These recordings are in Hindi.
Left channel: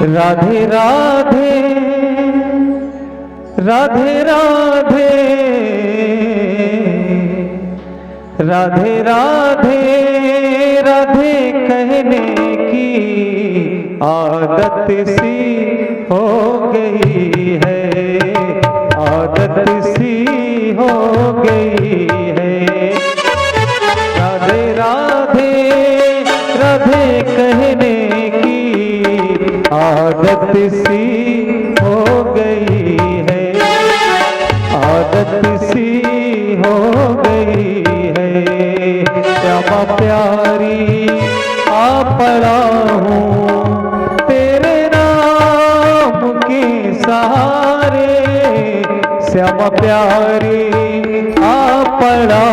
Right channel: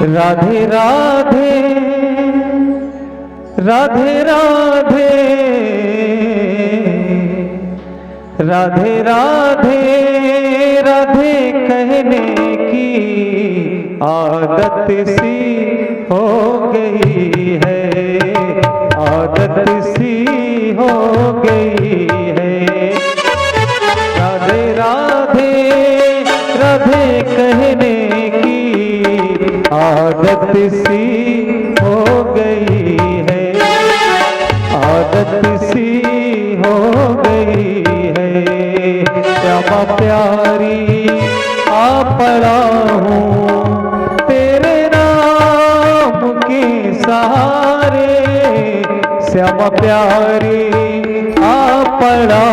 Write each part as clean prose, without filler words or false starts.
राधे राधे राधे राधे राधे राधे राधे कहने की आदत सी हो गई है, आदत सी हो गई है। राधे राधे राधे कहने की आदत सी हो गई है, आदत सी हो गई है। श्यामा प्यारी आ पड़ा हूँ तेरे नाम के सहारे, श्यामा प्यारी आ पड़ा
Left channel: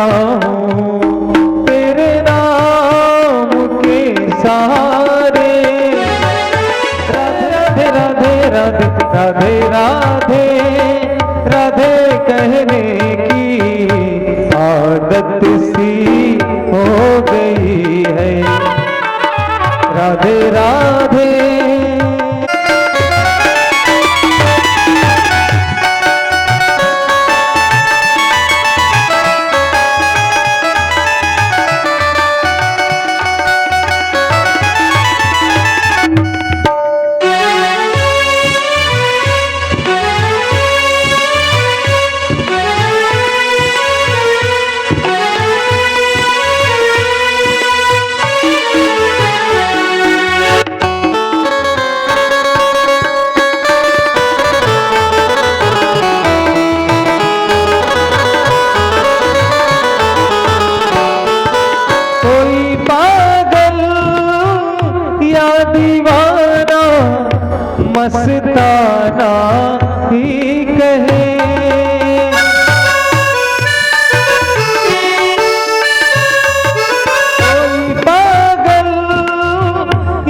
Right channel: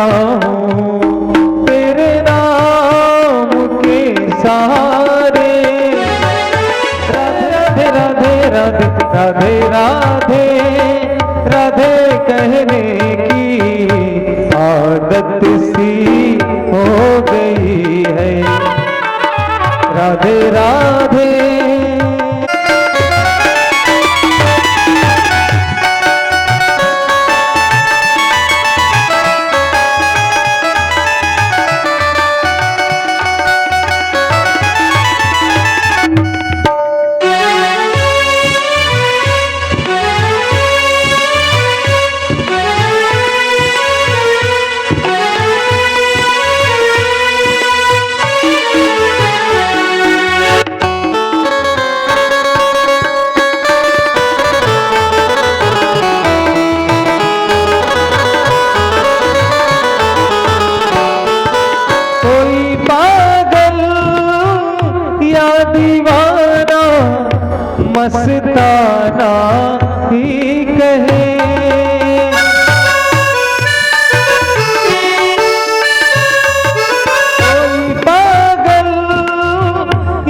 हूँ तेरे नाम के सहारे। राधे राधे राधे राधे राधे राधे कहने की आदत सी हो गई है। राधे राधे मस्ताना ही कहे, कोई पागल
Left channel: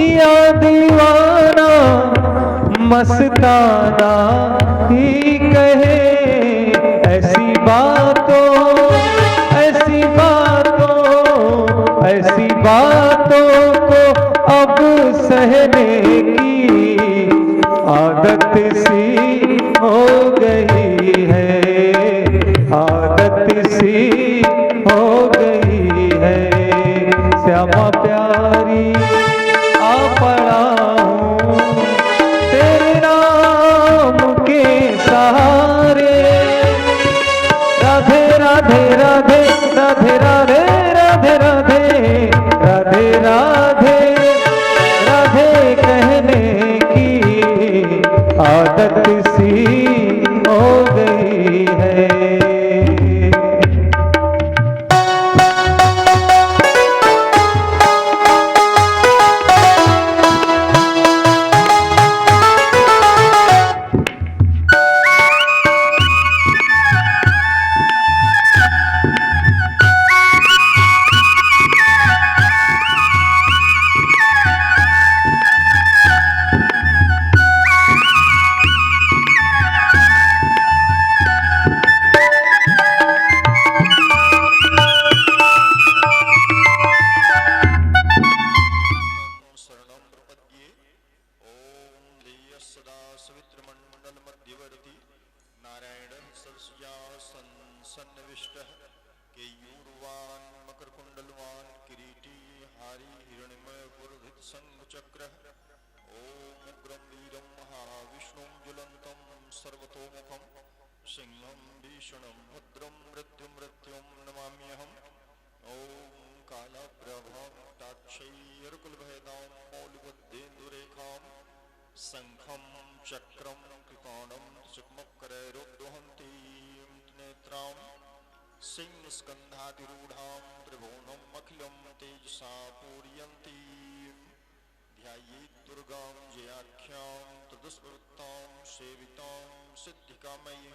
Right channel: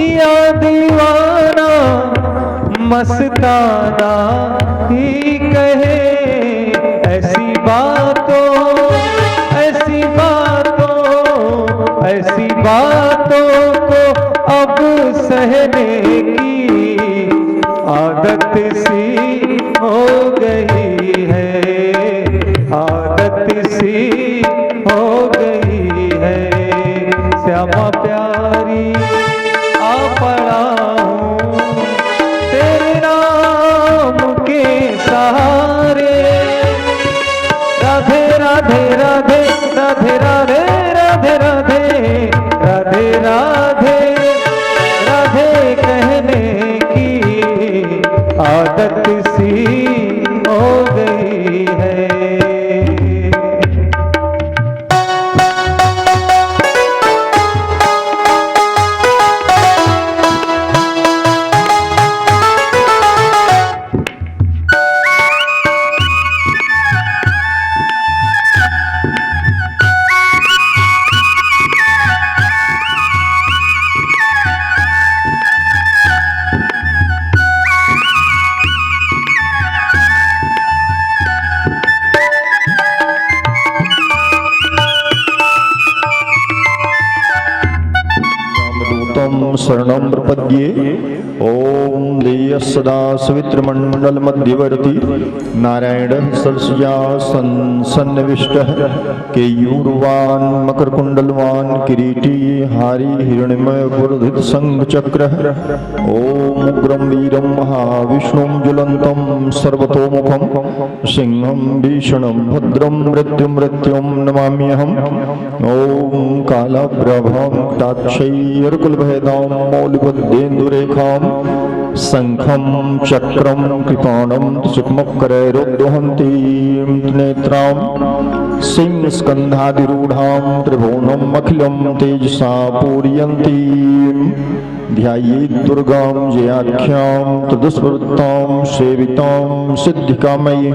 या दीवाना मस्ताना ही कहे। ऐसी बातों ऐसी बातों ऐसी बातों को अब सहने की आदत सी हो गई है, आदत सी हो गई है। श्यामा प्यारी आ पड़ा हूँ तेरे नाम के सहारे। राधे राधे राधे राधे राधे राधे राधे राधे राधे राधे कहने आदत सी हो गई है। शरणं प्रपद्ये। ओम देय सदा सवित्र मंडल मध्यवर्ती नारायण सरसिया सन्निविष्टः केयूरवान मकर कुंडलवान किरीटी हारी हिरण्यमय पुरधित संघ चक्र। ओम उग्रं वीरं महाविष्णुं ज्वलन्तं सर्वतोमुखं सिंहं भीषणं भद्रं मृत्युं नमाम्यहम्। ओम कालप्रभां ताक्षैर्कुलभेदां मौलिबद्धेन्दुरेखां शंखं चक्रं कृपाणं सुक्मकरैरुद्धहन्तीं नेत्रां सिंहस्कन्धाधिरूढां त्रिभुवनम् अखिलं तेजसा पूरयन्तीं। ध्यायेत् दुर्गां जयाख्यां तदस्मृतां सेवितां सिद्धिकामयीं।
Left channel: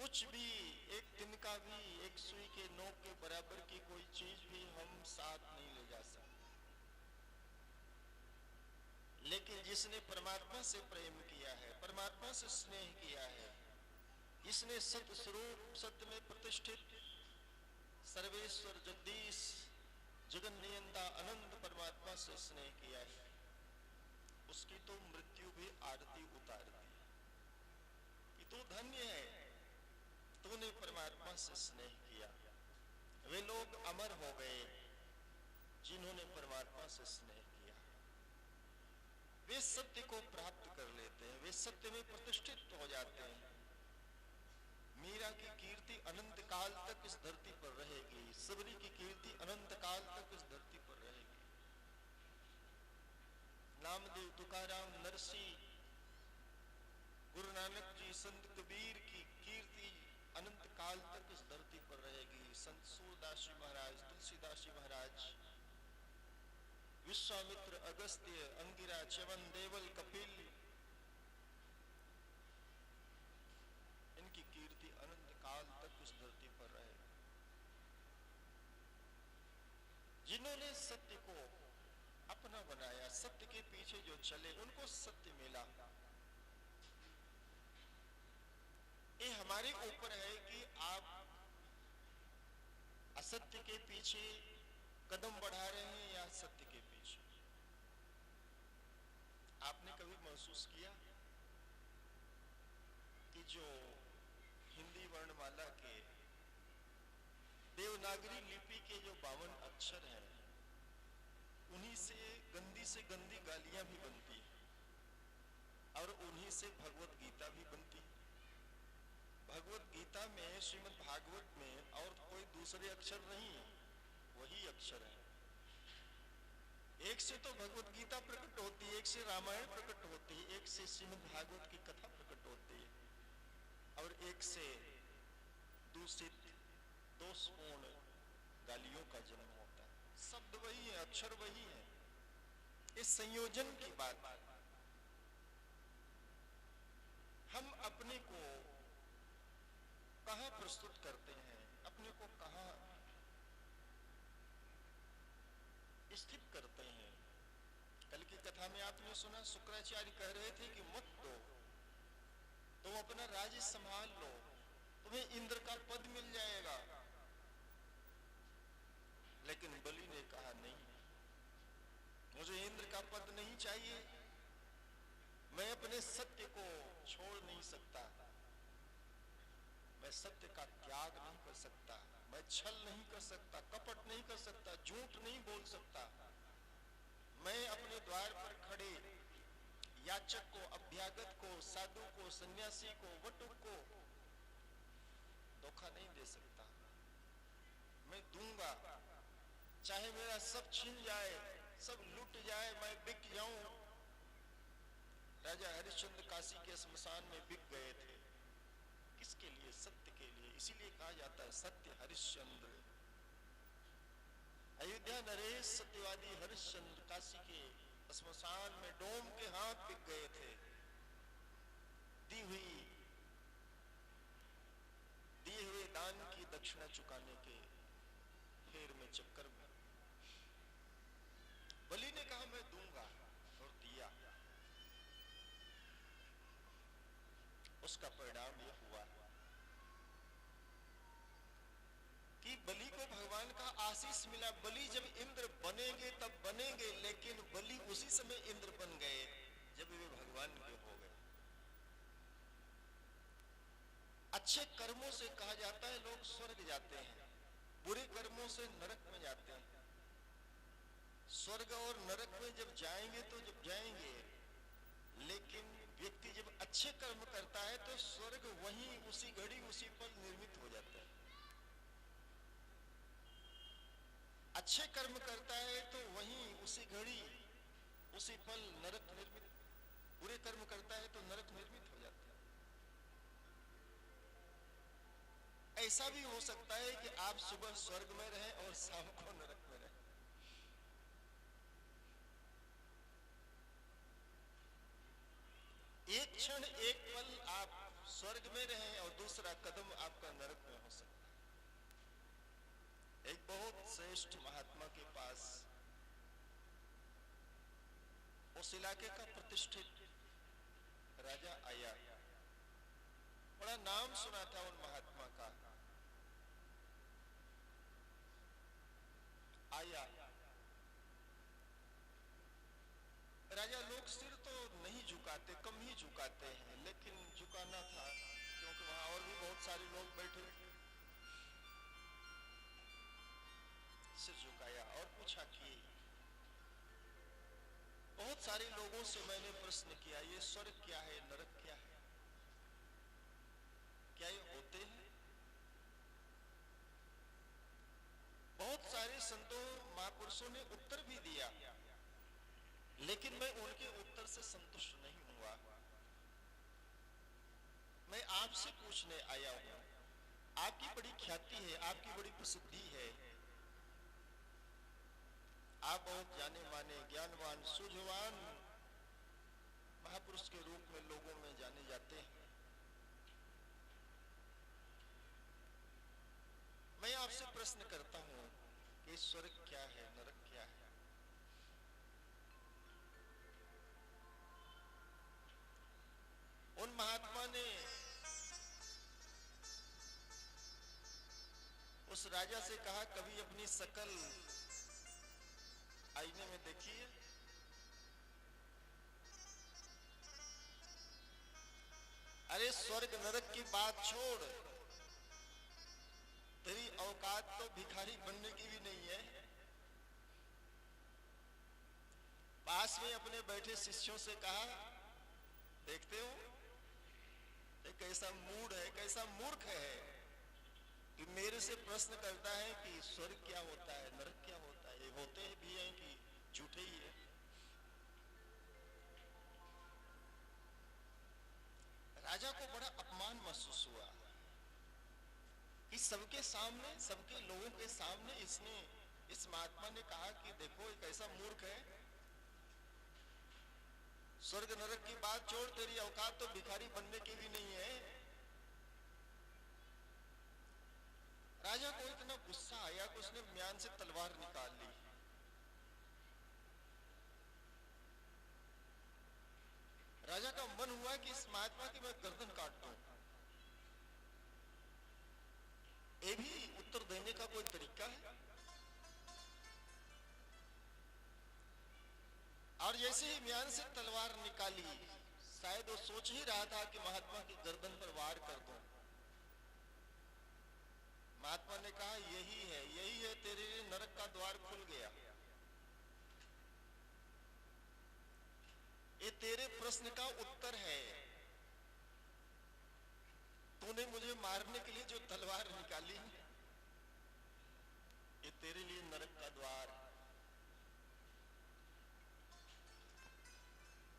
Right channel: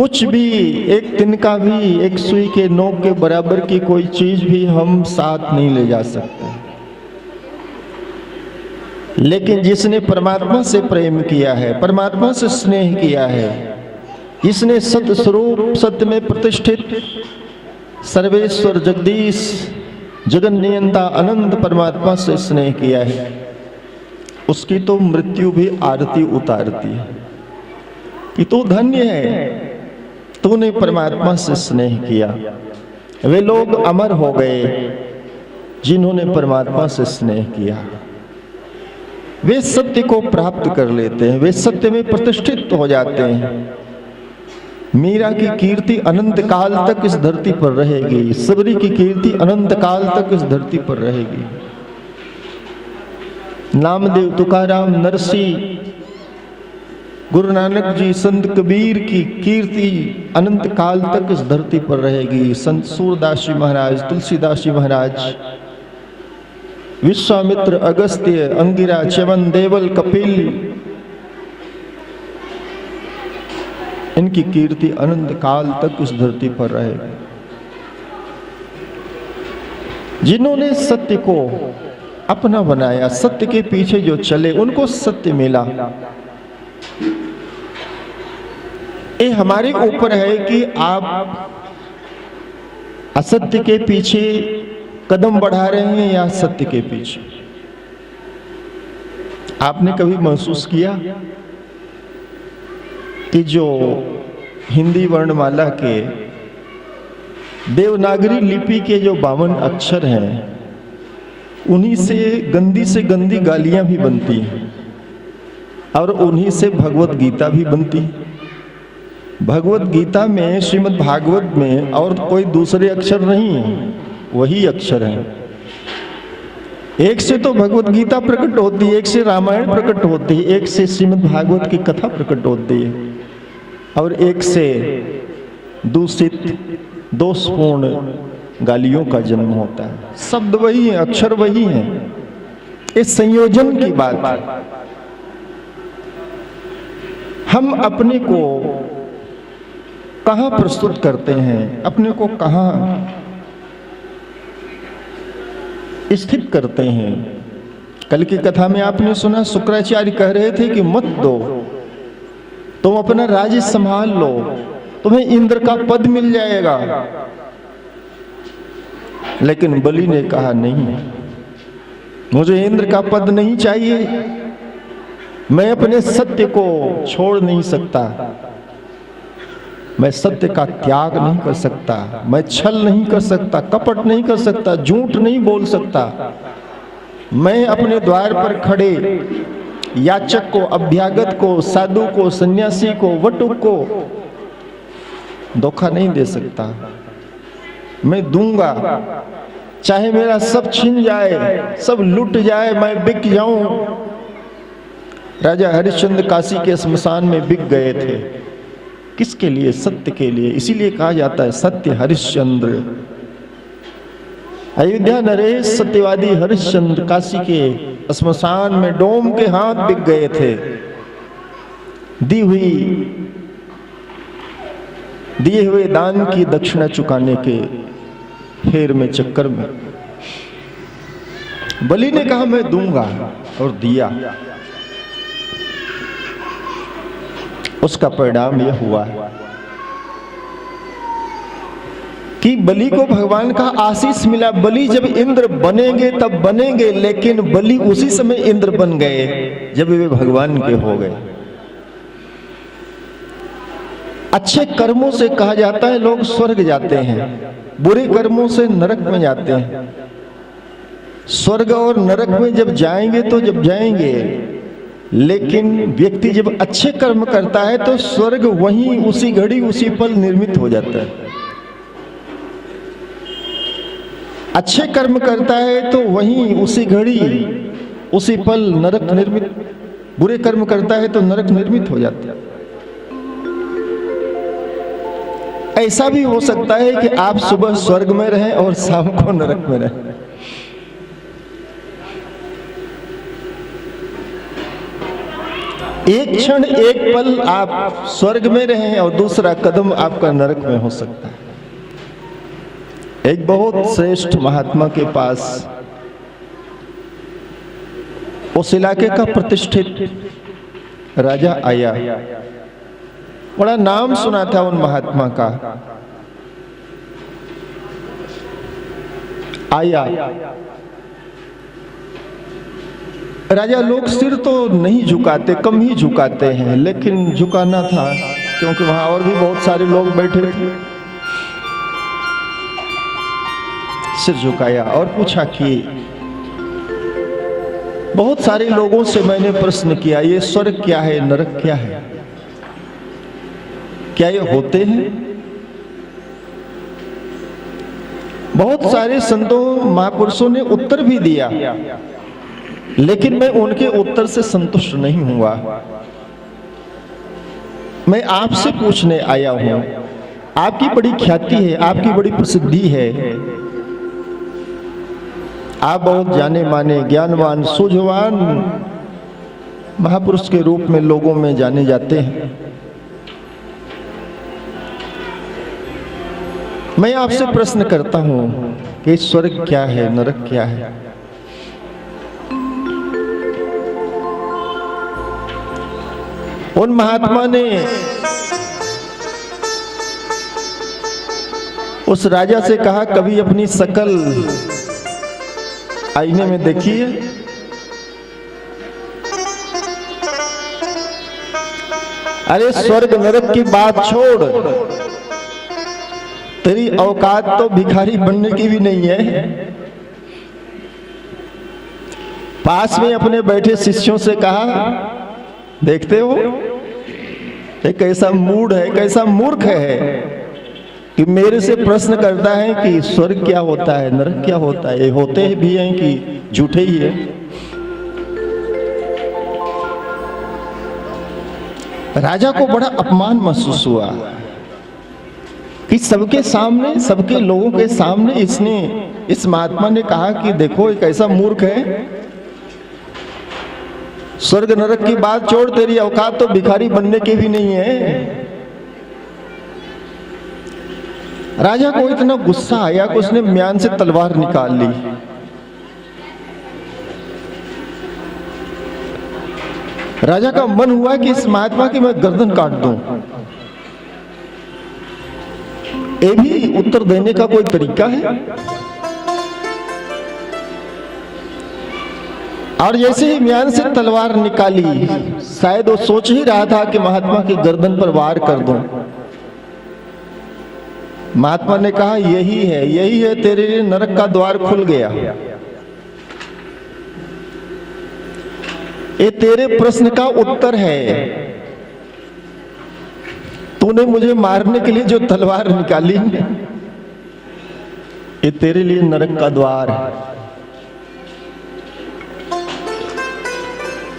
कुछ भी, एक तिनका भी, एक सुई के नोक के बराबर की कोई चीज भी हम साथ नहीं ले जा सकते। लेकिन जिसने परमात्मा से प्रेम किया है, परमात्मा से स्नेह किया है, जिसने सत्य स्वरूप, सत्य में प्रतिष्ठित सर्वेश्वर जगदीश जगन नियंता अनंत परमात्मा से स्नेह किया है, उसकी तो मृत्यु भी आरती उतारती है कि तू धन्य है, तूने परमात्मा से स्नेह किया। वे लोग अमर हो गए जिन्होंने परमात्मा से स्नेह किया। वे सत्य को प्राप्त कर लेते हैं, वे सत्य में प्रतिष्ठित हो जाते हैं। मीरा की कीर्ति अनंत काल तक इस धरती पर रहेगी, सबरी की कीर्ति अनंत काल तक इस धरती पर रहेगी। नामदेव, तुकाराम, नरसी, गुरु नानक जी, संत कबीर की कीर्ति अनंत काल तक इस धरती पर रहेगी। संत सूरदास जी महाराज, तुलसीदास जी महाराज, विश्वामित्र, अगस्त्य, अंगिरा, च्यवन, देवल, कपिल, इनकी कीर्ति अनंत काल तक इस धरती पर रहेगी। जिन्होंने सत्य को अपना बनाया, सत्य के पीछे जो चले, उनको सत्य मिला। ये हमारे ऊपर है कि आप असत्य के पीछे कदम बढ़ा रहे हैं या सत्य के पीछे। आपने कभी महसूस किया कि जो हिंदी वर्णमाला के देवनागरी लिपि के जो 52 अक्षर हैं, उन्हीं से गंदी गालियां भी बनती हैं और उन्हीं से भगवत गीता भी बनती है। भगवत गीता में, श्रीमद् भागवत में और कोई दूसरे अक्षर नहीं है, वही अक्षर हैं। एक से तो भगवत गीता प्रकट होती है, एक से रामायण प्रकट होती है, एक से श्रीमद् भागवत की कथा प्रकट होती है और एक से दूषित, दोषपूर्ण गालियों का जन्म होता है। शब्द वही है, अक्षर वही है। इस संयोजन की बात है। हम अपने को कहां प्रस्तुत करते हैं, अपने को कहां स्थित करते हैं। कल की कथा में आपने सुना, शुक्राचार्य कह रहे थे कि मत दो, तुम अपना राज्य संभाल लो, तुम्हें इंद्र का पद मिल जाएगा। लेकिन बलि ने कहा नहीं, मुझे इंद्र का पद नहीं चाहिए, मैं अपने सत्य को छोड़ नहीं सकता, मैं सत्य का त्याग नहीं कर सकता, मैं छल नहीं कर सकता, कपट नहीं कर सकता, झूठ नहीं बोल सकता। मैं अपने द्वार पर खड़े याचक को, अभ्यागत को, साधु को, सन्यासी को, वटुक को धोखा नहीं दे सकता। मैं दूंगा, चाहे मेरा सब छिन जाए, सब लुट जाए, मैं बिक जाऊं। राजा हरिश्चंद्र काशी के श्मशान में बिक गए थे। किसके लिए? सत्य के लिए। इसीलिए कहा जाता है सत्य हरिश्चंद्र। अयोध्या नरेश सत्यवादी हरिश्चंद्र काशी के श्मशान में डोम के हाथ बिक गए थे। दिए हुए दान की दक्षिणा चुकाने के फेर में, चक्कर में बलि ने कहा मैं दूंगा और दिया। उसका परिणाम यह हुआ कि बलि को भगवान का आशीष मिला। बलि जब इंद्र बनेंगे तब बनेंगे, लेकिन बलि उसी समय इंद्र बन गए जब वे भगवान के हो गए। अच्छे कर्मों से कहा जाता है लोग स्वर्ग जाते हैं, बुरे कर्मों से नरक में जाते हैं। स्वर्ग और नरक में जब जाएंगे तो जब जाएंगे, लेकिन व्यक्ति जब अच्छे कर्म करता है तो स्वर्ग वहीं उसी घड़ी उसी पल निर्मित हो जाता है। अच्छे कर्म करता है तो वहीं उसी घड़ी उसी पल नरक निर्मित, बुरे कर्म करता है तो नरक निर्मित हो जाता है। ऐसा भी हो सकता है कि आप सुबह स्वर्ग में रहें और शाम को नरक में रहें। एक क्षण एक पल आप स्वर्ग में रहें और दूसरा कदम आपका नरक में हो सकता है। एक बहुत श्रेष्ठ महात्मा के पास उस इलाके का प्रतिष्ठित राजा आया। बड़ा नाम सुना था उन महात्मा का। आया राजा, लोग सिर तो नहीं झुकाते, कम ही झुकाते हैं, लेकिन झुकाना था क्योंकि वहां और भी बहुत सारे लोग बैठे थे। सिर झुकाया और पूछा कि बहुत सारे लोगों से मैंने प्रश्न किया, ये स्वर्ग क्या है, नरक क्या है, क्या ये होते हैं? बहुत सारे संतों महापुरुषों ने उत्तर भी दिया, लेकिन मैं उनके उत्तर से संतुष्ट नहीं हुआ। मैं आपसे पूछने आया हूं। आपकी बड़ी ख्याति है, आपकी बड़ी प्रसिद्धि है, आप बहुत जाने माने, ज्ञानवान, सूझवान महापुरुष के रूप में लोगों में जाने जाते हैं। मैं आपसे प्रश्न करता हूं कि स्वर्ग क्या है, नरक क्या है? उन महात्मा ने उस राजा से कहा, कभी अपनी शकल आईने में देखिए। अरे स्वर्ग नरक की बात छोड़, तेरी औकात तो भिखारी बनने की भी नहीं है। पास में अपने बैठे शिष्यों से कहा, देखते हो ये कैसा मूड है, कैसा मूर्ख है कि मेरे से प्रश्न करता है कि स्वर्ग क्या होता है, नरक क्या होता है, ये होते भी हैं कि झूठे ही है। राजा को बड़ा अपमान महसूस हुआ कि सबके सामने, सबके लोगों के सामने इसने, इस महात्मा ने कहा कि देखो एक ऐसा मूर्ख है, स्वर्ग नरक की बात छोड़, तेरी औकात तो भिखारी बनने की भी नहीं है। राजा को इतना गुस्सा आया कि उसने म्यान से तलवार निकाल ली। राजा का मन हुआ कि इस महात्मा की मैं गर्दन काट दूं। ये भी उत्तर देने का कोई तरीका है? और जैसे ही म्यान से तलवार निकाली, शायद वो सोच ही रहा था कि महात्मा की गर्दन पर वार कर दूं। महात्मा ने कहा, यही है तेरे लिए नरक का द्वार खुल गया। ये तेरे प्रश्न का उत्तर है। तूने मुझे मारने के लिए जो तलवार निकाली, ये तेरे लिए नरक का द्वार है।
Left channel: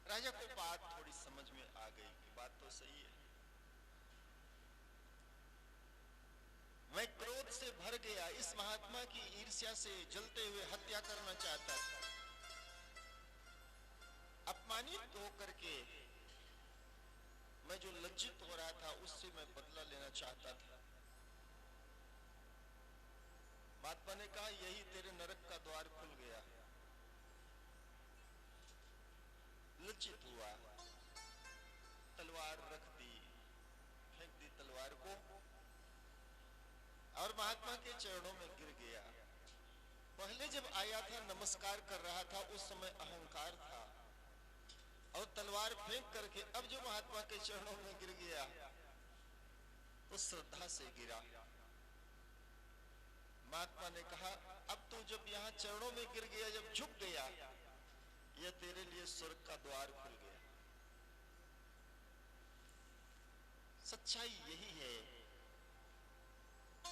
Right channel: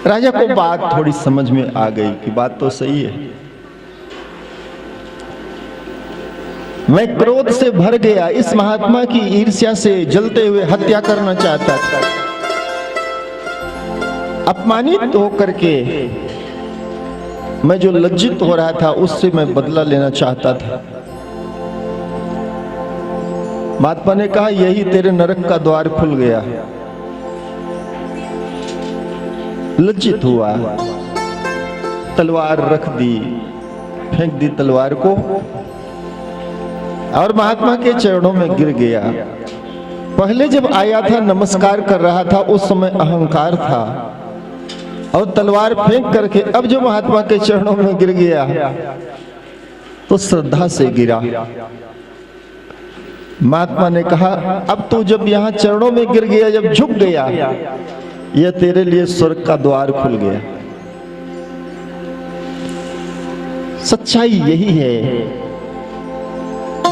राजा को बात थोड़ी समझ में आ गई कि बात तो सही है। मैं क्रोध से भर गया, इस महात्मा की ईर्ष्या से जलते हुए हत्या करना चाहता था। अपमानित होकर के मैं जो लज्जित हो रहा था, उससे मैं बदला लेना चाहता था। महात्मा ने कहा, यही तेरे नरक का द्वार खुल गया। लज्जित हुआ, तलवार रख दी, फेंक दी तलवार को और महात्मा के चरणों में गिर गया। पहले जब आया था, नमस्कार कर रहा था, उस समय अहंकार था, और तलवार फेंक करके अब जो महात्मा के चरणों में गिर गया तो श्रद्धा से गिरा। महात्मा ने कहा, अब तू जब यहाँ चरणों में गिर गया, जब झुक गया, यह तेरे लिए स्वर्ग का द्वार खुल गया। सच्चाई यही है,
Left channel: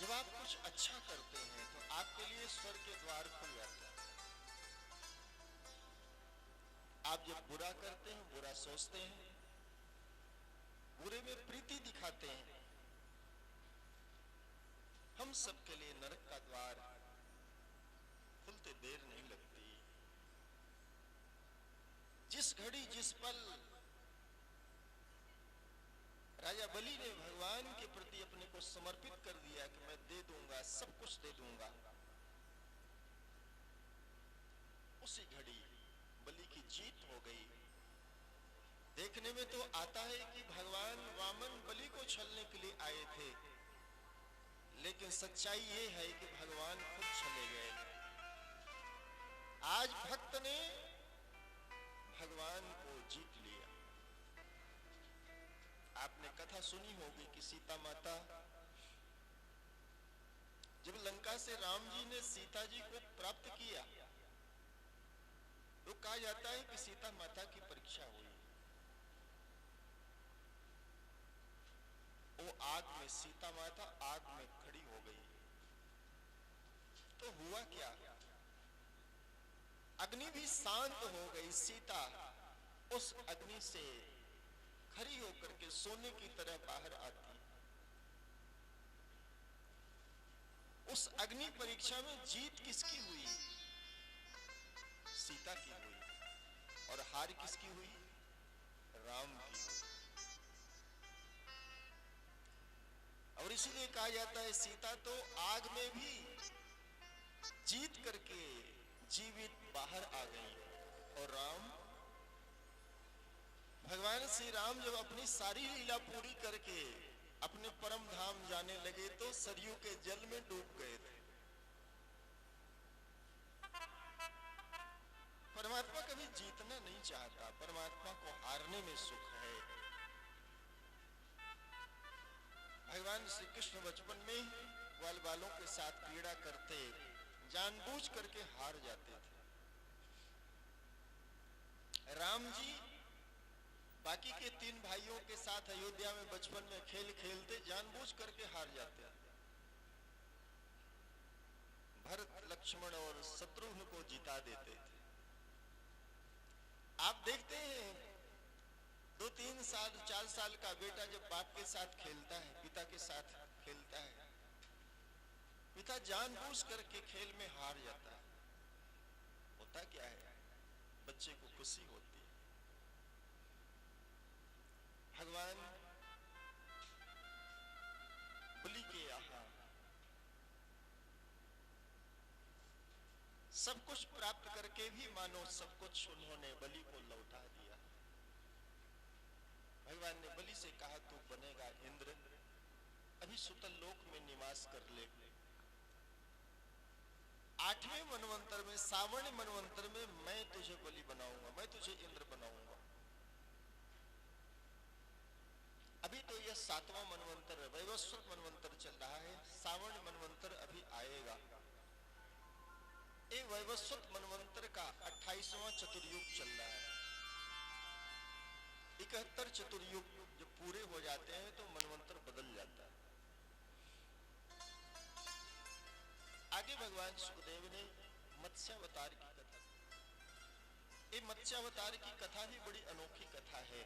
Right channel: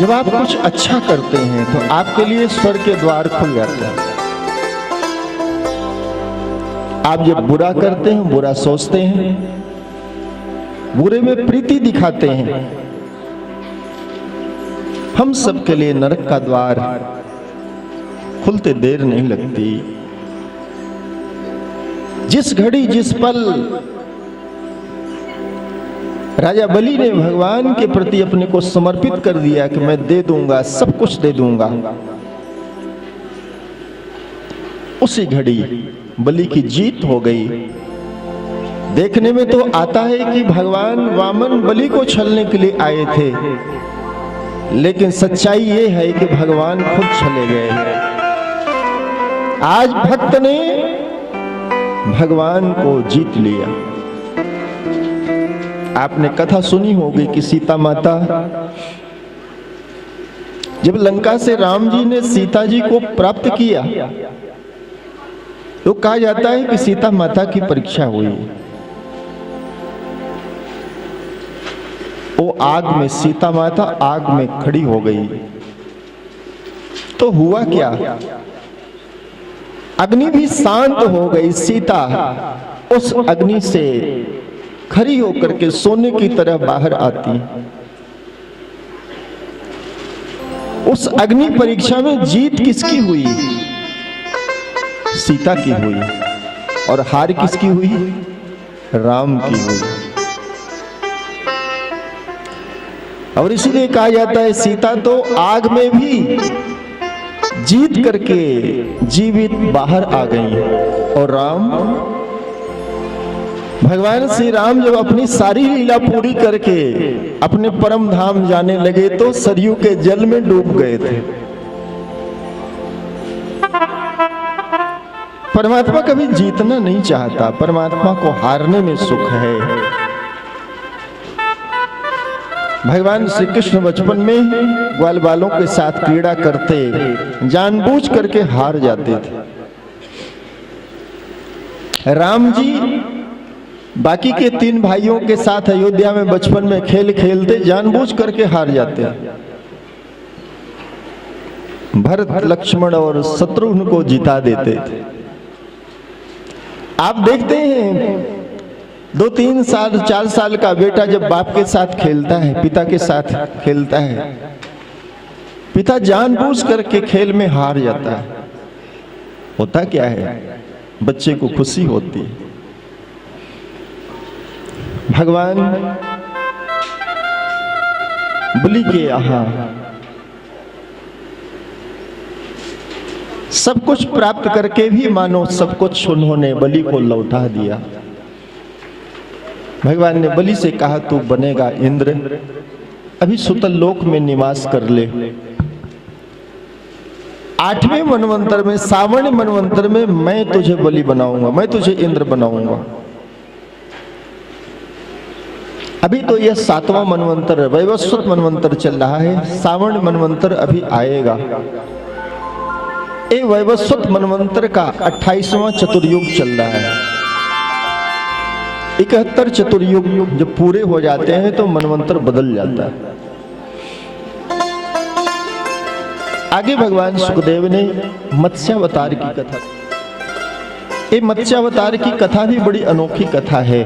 जब आप कुछ अच्छा करते हैं तो आपके लिए स्वर्ग के द्वार खुल जाते हैं। आप जब बुरा करते हैं, बुरा सोचते हैं, बुरे में प्रीति दिखाते हैं, हम सब के लिए नरक का द्वार खुलते देर नहीं लगती। जिस घड़ी, जिस पल राजा बलि ने भगवान के प्रति अपने को समर्पित कर दिया कि मैं दे दूंगा, सब कुछ दे दूंगा। उसी घड़ी बलि की जीत हो गई। देखने में तो आता है कि भगवान वामन बलि को छलने के लिए आए थे, लेकिन सच्चाई ये है कि भगवान खुद चले गए। आज भक्त ने भगवान को जीत लिया। आपने कथा सुनी होगी कि सीता माता, जब लंका से राम जी ने सीता जी को प्राप्त किया तो कहा जाता है कि सीता माता की परीक्षा हुई। वो आग में, सीता माता आग में खड़ी हो गई। तो हुआ क्या? अग्नि भी शांत हो गई। सीता उस अग्नि से खड़ी होकर के सोने की तरह बाहर आती। उस अग्नि परीक्षा में जीत किसकी हुई? सीता की हुई। और हार किसकी हुई? राम की हुई। और इसीलिए कहा जाता है सीता तो आग में भी जीत करके जीवित बाहर आ गई। और राम, भगवान श्री राम जब अपनी सारी लीला पूरी करके अपने परम धाम जाने लगे तो सरयू के जल में डूब गए थे। परमात्मा कभी जीतना नहीं चाहता, परमात्मा को हारने में सुख है। भगवान श्री कृष्ण बचपन में ग्वाल बालों के साथ क्रीड़ा करते, जानबूझ करके हार जाते थे। राम जी बाकी के 3 भाइयों के साथ अयोध्या में बचपन में खेल खेलते, जानबूझ करके हार जाते। भरत, लक्ष्मण और शत्रुघ्न को जिता देते थे। आप देखते हैं 2-3 साल 4 साल का बेटा जब बाप के साथ खेलता है, पिता के साथ खेलता है, पिता जानबूझ करके खेल में हार जाता है। होता क्या है? बच्चे को खुशी होती है। भगवान बलि के यहाँ सब कुछ प्राप्त करके भी मानो सब कुछ उन्होंने बलि को लौटा दिया। भगवान ने बलि से कहा, तू बनेगा इंद्र, अभी सुतल लोक में निवास कर ले। 8वें मनवंतर में, सावर्ण मनवंतर में मैं तुझे बलि बनाऊंगा, मैं तुझे इंद्र बनाऊंगा। अभी तो यह 7वां मनवंतर, वैवस्वत मनवंतर चल रहा है। सावर्ण मनवंतर अभी आएगा। ये वैवस्वत मनवंतर का 28वां चतुर्युग चल रहा है। 71 चतुर्युग जब पूरे हो जाते हैं तो मनवंतर बदल जाता है। आगे भगवान सुखदेव ने मत्स्यावतार की कथा, ये मत्स्यावतार की कथा भी बड़ी अनोखी कथा है।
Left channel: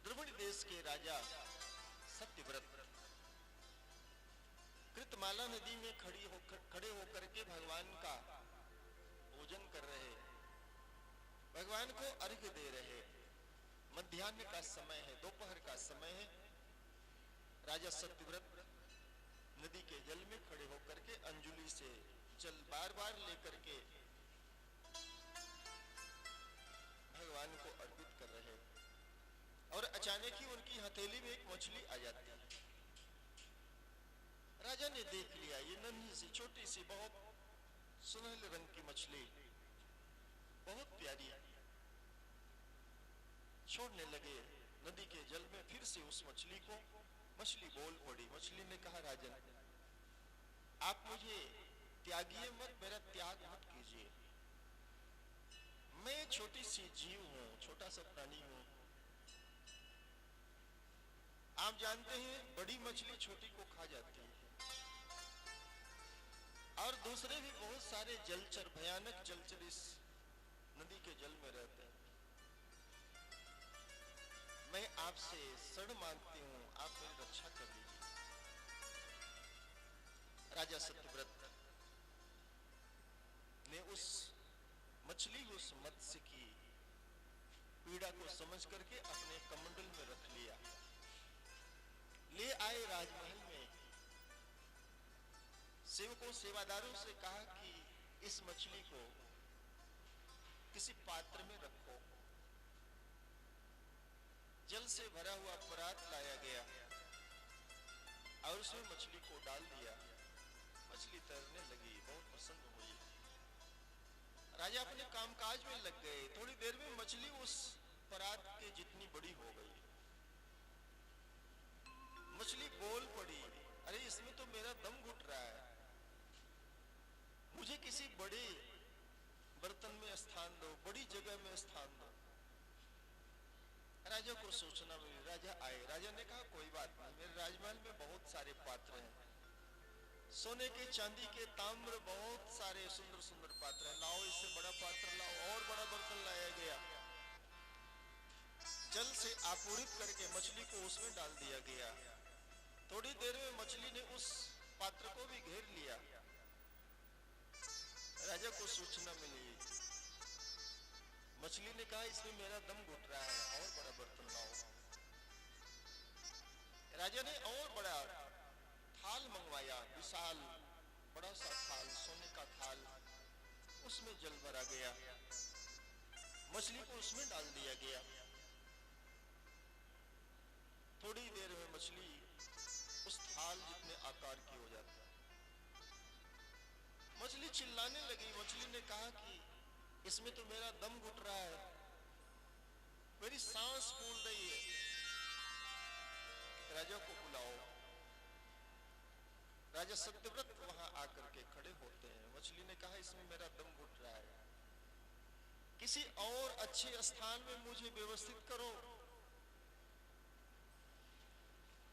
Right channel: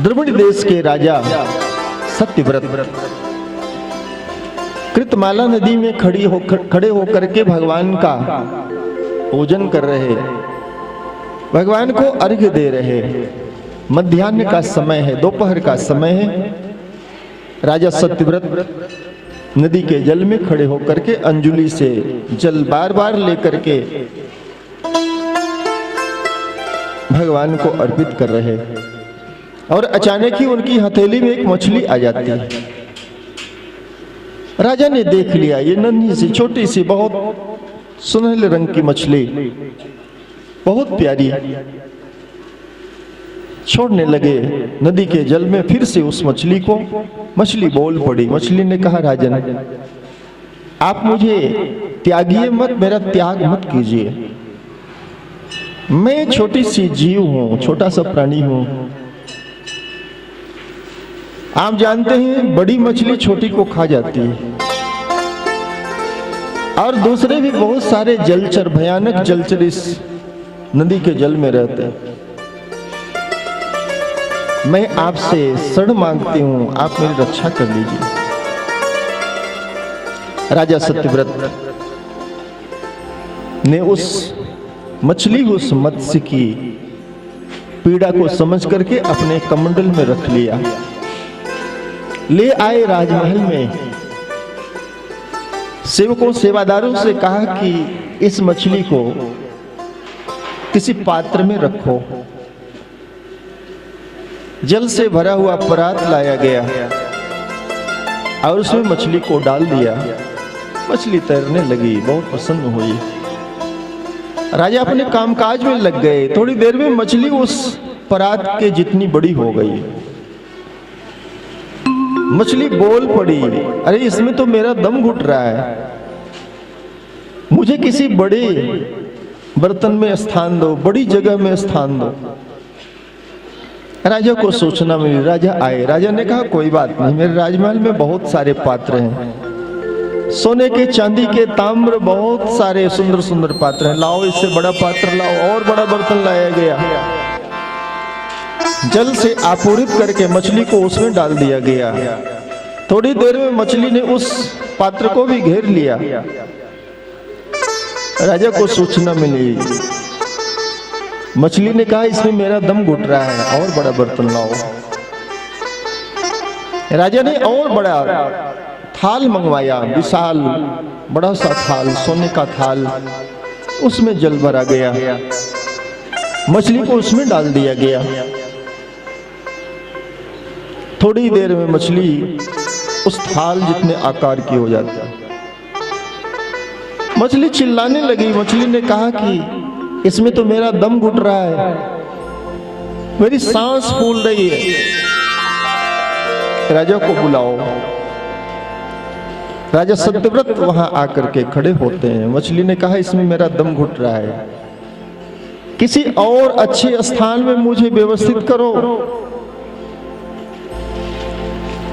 द्रविड़ देश के राजा सत्यव्रत कृतमाला नदी में खड़े होकर के भगवान का पूजन कर रहे, भगवान को अर्घ्य दे रहे। मध्याह्न का समय है, दोपहर का समय है। राजा सत्यव्रत नदी के जल में खड़े होकर के अंजुलि से जल बार बार लेकर के भगवान को अर्पित कर रहे। और अचानक ही उनकी हथेली में एक मछली आ जाती है। राजा ने देख लिया, ये नन्ही सी छोटी सी बहुत सुनहले रंग की मछली, बहुत प्यारी। छोड़ने लगे नदी के जल में फिर से उस मछली को। मछली बोल पड़ी। मछली ने कहा, राजन आप मुझे त्यागिए मत, मेरा त्याग मत कीजिए। मैं छोटी सी जीव हूं, छोटा सा प्राणी हूं। आप जानते हैं बड़ी मछली छोटी को खा जाती है। और दूसरे भी बहुत सारे जलचर, भयानक जलचर इस नदी के जल में रहते हैं। मैं आपसे शरण मांगती हूं, आप मेरी रक्षा कर लीजिए। राजा सत्यव्रत ने उस मछली उस मत्स्य की पीड़ा को समझ करके अपने कमंडल में रख लिया, ले आए राजमहल में। सेवकों सेवादारों से कहा कि इस मछली को किसी पात्र में रखो। जल से भरा हुआ परात लाया गया और उसमें मछली को डाल दिया। मछली तैरने लगी, बहुत प्रसन्न हुई। राजा अपने कामकाज में लग गए। थोड़ी देर में मछली उस परात के जितनी बड़ी हो गई। मछली बोल पड़ी, अरे इसमें तो मेरा दम घुट रहा है, मुझे किसी बड़े बर्तन में स्थान दो, बड़ी जगह में स्थान दो। राजा को सूचना मिली, राजा आए। राजा ने कहा कोई बात नहीं, मेरे राजमहल में बहुत सारे पात्र हैं, सोने के चांदी के ताम्र बहुत सारे सुंदर सुंदर पात्र हैं, लाओ इससे बड़ा पात्र लाओ। और बड़ा बर्तन लाया गया, जल से आपूरित करके मछली को उसमें डाल दिया गया। थोड़ी देर में मछली ने उस पात्र को भी घेर लिया। राजा को सूचना मिली, मछली ने कहा इसमें मेरा दम घुट रहा है, और बड़ा बर्तन लाओ। राजा ने और बड़ा थाल मंगवाया, विशाल बड़ा सा थाल, सोने का थाल, उसमें जल भरा गया, मछली को उसमें डाल दिया गया। थोड़ी देर में मछली उस थाल जितने आकार की हो जाती है। मछली चिल्लाने लगी। मछली ने कहा कि इसमें तो मेरा दम घुट रहा है, मेरी सांस फूल रही है, राजा को बुलाओ। राजा सत्यव्रत वहां आकर के खड़े होते हैं। मछली ने कहा इसमें मेरा दम घुट रहा है, किसी और अच्छे स्थान में मुझे व्यवस्थित करो।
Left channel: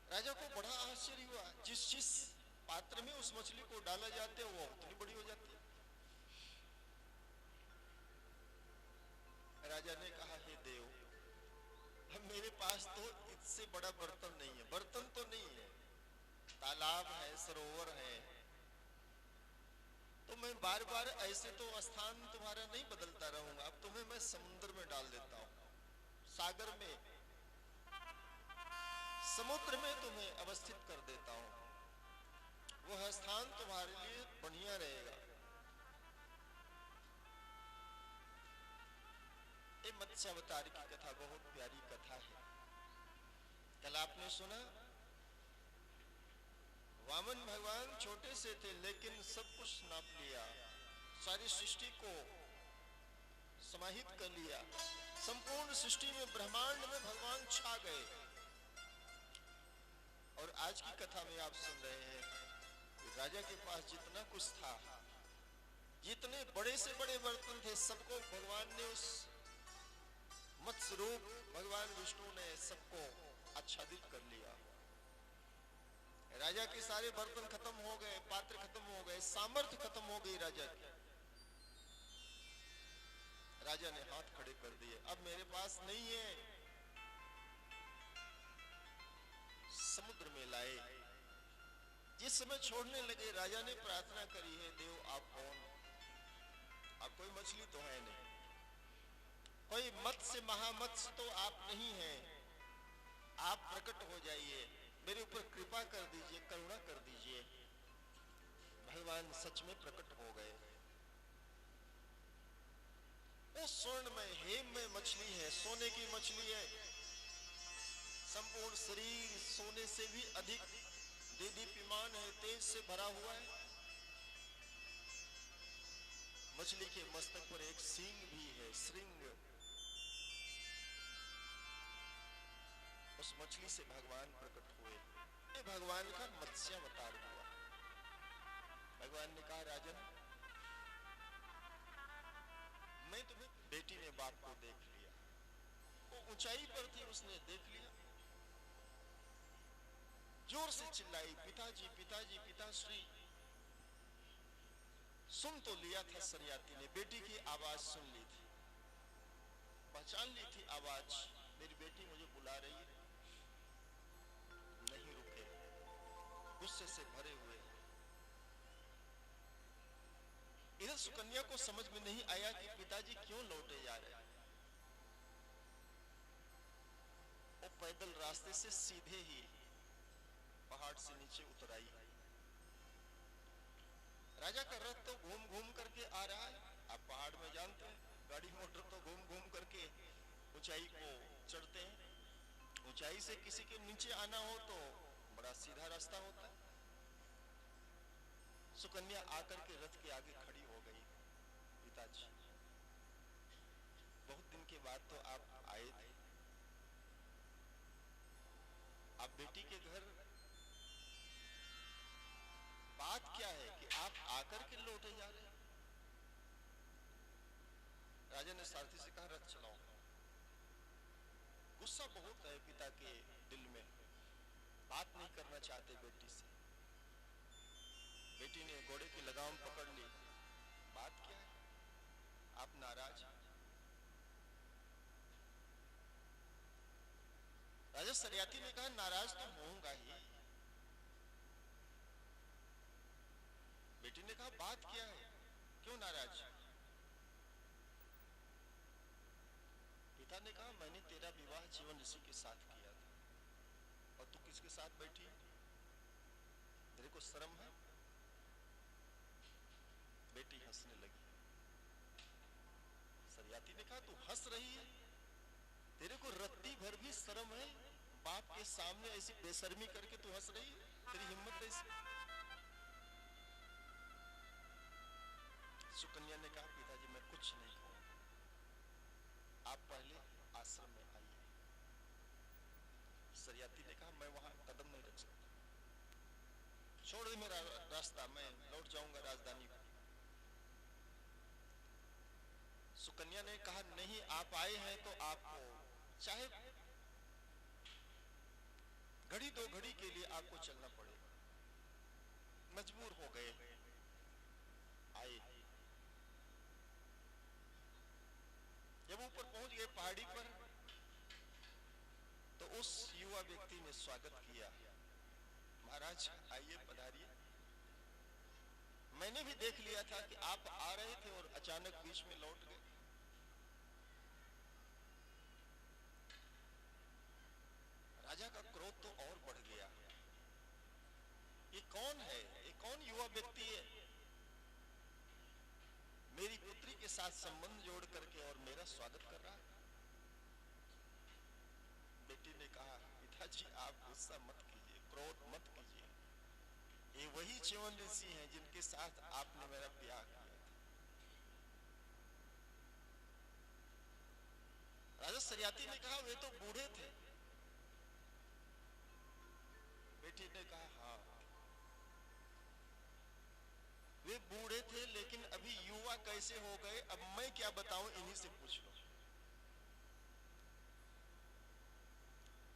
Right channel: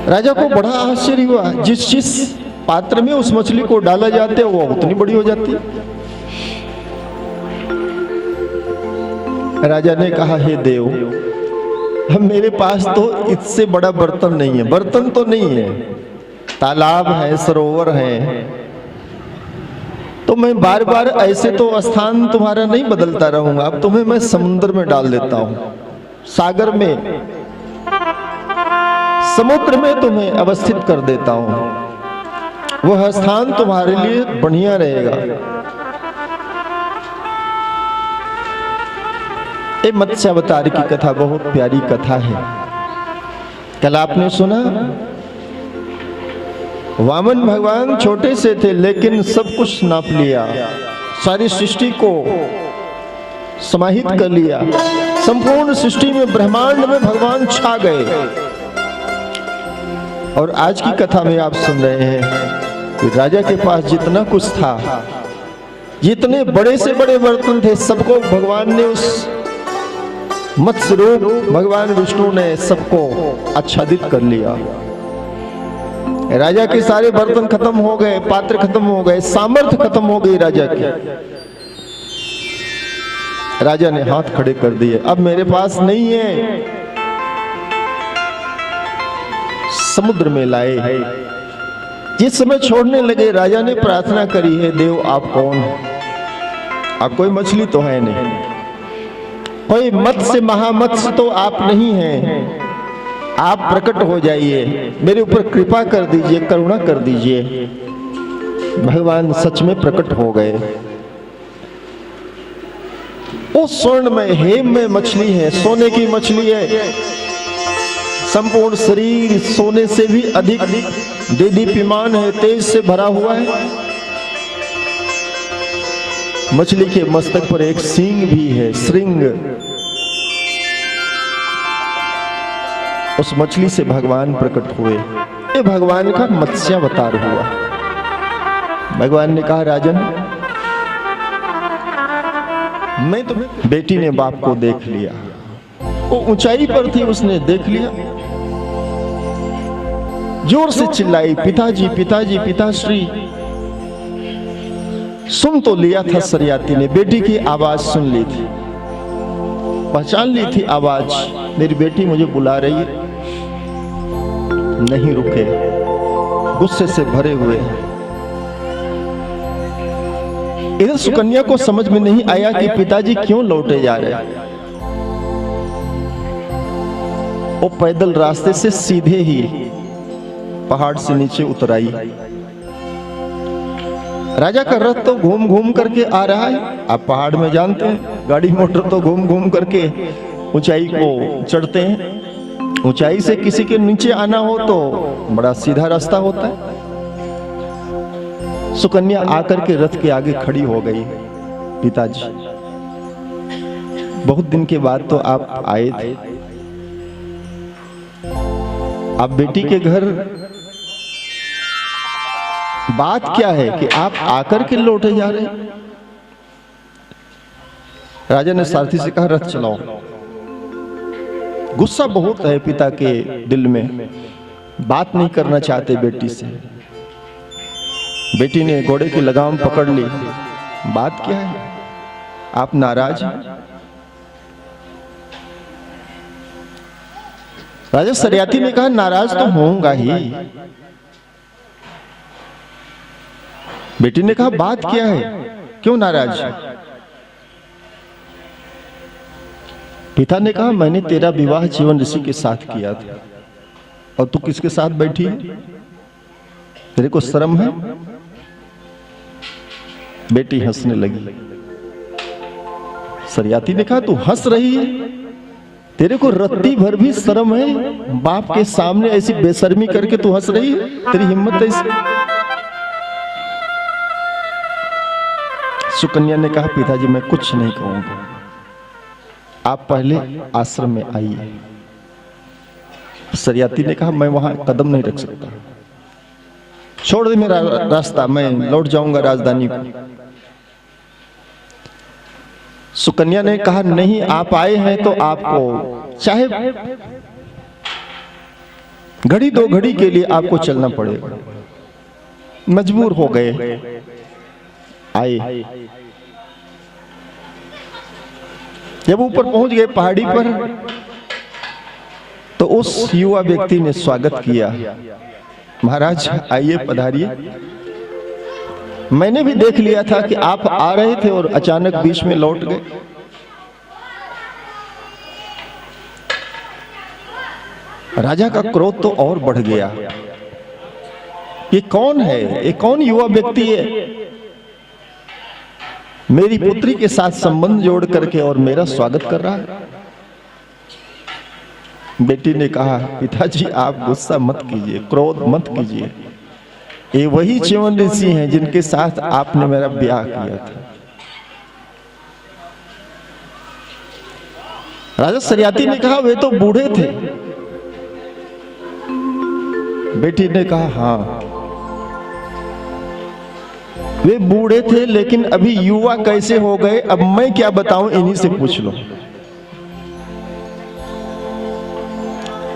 राजा को बड़ा आश्चर्य हुआ, जिस पात्र में उस मछली को डाला जाते वो उतनी बड़ी हो जाती। राजा ने कहा हे देव, हम मेरे पास तो इससे बड़ा बर्तन नहीं है। बर्तन तो नहीं है, तालाब है, सरोवर है, तो मैं बार बार ऐसे तो स्थान तुम्हारा नहीं बदलता रहूंगा। अब तुम्हें मैं समुद्र में डाल देता हूं, सागर में, समुद्र में तुम्हें अवस्थित कर देता हूं। वह स्थान तुम्हारे लिए बढ़िया रहेगा। ये मत्स्यावतार की कथा बहुत प्यारी कथा है। कल आपने सुना, वामन भगवान छोटे से थे लेकिन सब कुछ नाप लिया, सारी सृष्टि को समाहित कर लिया। संपूर्ण सृष्टि में, ब्रह्मांड में भगवान छा गए। और आज की कथा में आप सुन रहे हैं कि राजा के पास जितना कुछ था, जितने बड़े से बड़े बर्तन थे, सबको भगवान ने, उस मत्स्य रूप भगवान विष्णु ने सबको आच्छादित कर लिया। राजा के सारे बर्तन खत्म हो गए, पात्र खत्म हो गए, सामर्थ्य खत्म हो गई राजा की। राजा ने हाथ खड़े कर दिए, अब मेरे पास नहीं है। समुद्र में लाए। जिस समय छोड़ने लगे, राजा ने प्रार्थना करी, है देव आप कौन हैं? आप कोई मछली तो है नहीं, कोई मत्स्य महामत्स्य तो आप नहीं हैं। आप प्रकट हो जाइए, मेरे ऊपर कृपा कर दीजिए, करुणा कर दीजिए। भगवान सच में प्रकट हो गए। उस स्वर्ण में, हेम में मछली है, सोने की मछली है। संपूर्ण शरीर सोने से भी अधिक देदीप्यमान है, तेज से भरा हुआ है। मछली के मस्तक पर एक सींग भी है, श्रृंग। उस मछली से भगवान प्रकट हुए। ये भगवान का मत्स्यावतार हुआ। भगवान ने कहा राजन, मैं तुम्हें, बेटी ने बाप को देख लिया, वो ऊंचाई पर थी, उसने देख लिया, जोर से चिल्लाई, पिताजी पिताजी पिताश्री। सुन तो लिया था सरियाती ने, बेटी की आवाज सुन ली थी, पहचान ली थी आवाज, मेरी बेटी मुझे बुला रही है। नहीं रुके, गुस्से से भरे हुए। इधर सुकन्या को समझ में नहीं आया कि पिताजी क्यों लौटे जा रहे हैं। वो पैदल रास्ते से सीधे ही पहाड़ से नीचे उतर आई। राजा का रथ तो घूम घूम करके आ रहा है। आप पहाड़ में जानते हैं गाड़ी मोटर तो घूम घूम करके ऊंचाई को चढ़ते हैं। ऊंचाई से किसी के नीचे आना हो तो बड़ा सीधा रास्ता होता है। सुकन्या आकर के रथ के आगे खड़ी हो गई। पिताजी, बहुत दिन के बाद तो आप आए थे। आप बेटी के घर, बात क्या है कि आप आकर के लौटे जा रहे हैं? राजा ने सारथी से कहा, रथ चलाओ। गुस्सा बहुत है पिता के दिल में, बात नहीं करना चाहते बेटी से। बेटी ने घोड़े की लगाम पकड़ ली। बात क्या है, आप नाराज हैं? राजा सरियाती ने कहा, नाराज तो होऊंगा ही। बेटी ने कहा, बात क्या है, क्यों नाराज? पिता ने कहा, मैंने तेरा विवाह जीवन ऋषि के साथ किया था और तू किसके साथ बैठी है? तेरे को शर्म है? बेटी हंसने लगी। सरियाती ने कहा, तू हंस रही है? तेरे को रत्ती भर भी शर्म है? बाप के सामने ऐसी बेशर्मी करके तू हंस रही है? तेरी हिम्मत ऐसी? सुकन्या ने कहा, पिताजी मैं कुछ नहीं कहूंगा, आप पहले आश्रम में आइए। सरियाती ने कहा, मैं वहां कदम नहीं रख सकता, छोड़ दे मेरा रास्ता, मैं लौट जाऊंगा राजधानी को। सुकन्या ने कहा, नहीं, आप आए हैं तो आपको चाहे घड़ी दो घड़ी के लिए आपको चलना पड़ेगा, मजबूर हो गए, आए। जब ऊपर पहुंच गए पहाड़ी पर तो उस युवा व्यक्ति ने स्वागत किया, महाराज आइए, पधारिए। मैंने भी देख लिया था कि आप आ रहे थे और अचानक बीच में लौट गए। राजा का क्रोध तो और बढ़ गया। ये कौन है? ये कौन युवा व्यक्ति है? मेरी पुत्री के साथ संबंध जोड़ करके और मेरा स्वागत कर रहा है। बेटी ने कहा, पिताजी आप गुस्सा मत कीजिए, क्रोध मत कीजिए, ये वही च्यवन ऋषि हैं जिनके साथ आपने मेरा ब्याह किया था। राजा सरियाती ने कहा, वे तो बूढ़े थे। बेटी ने कहा, हाँ वे बूढ़े थे, लेकिन अभी युवा कैसे हो गए अब मैं क्या बताऊं, इन्हीं से पूछ लो।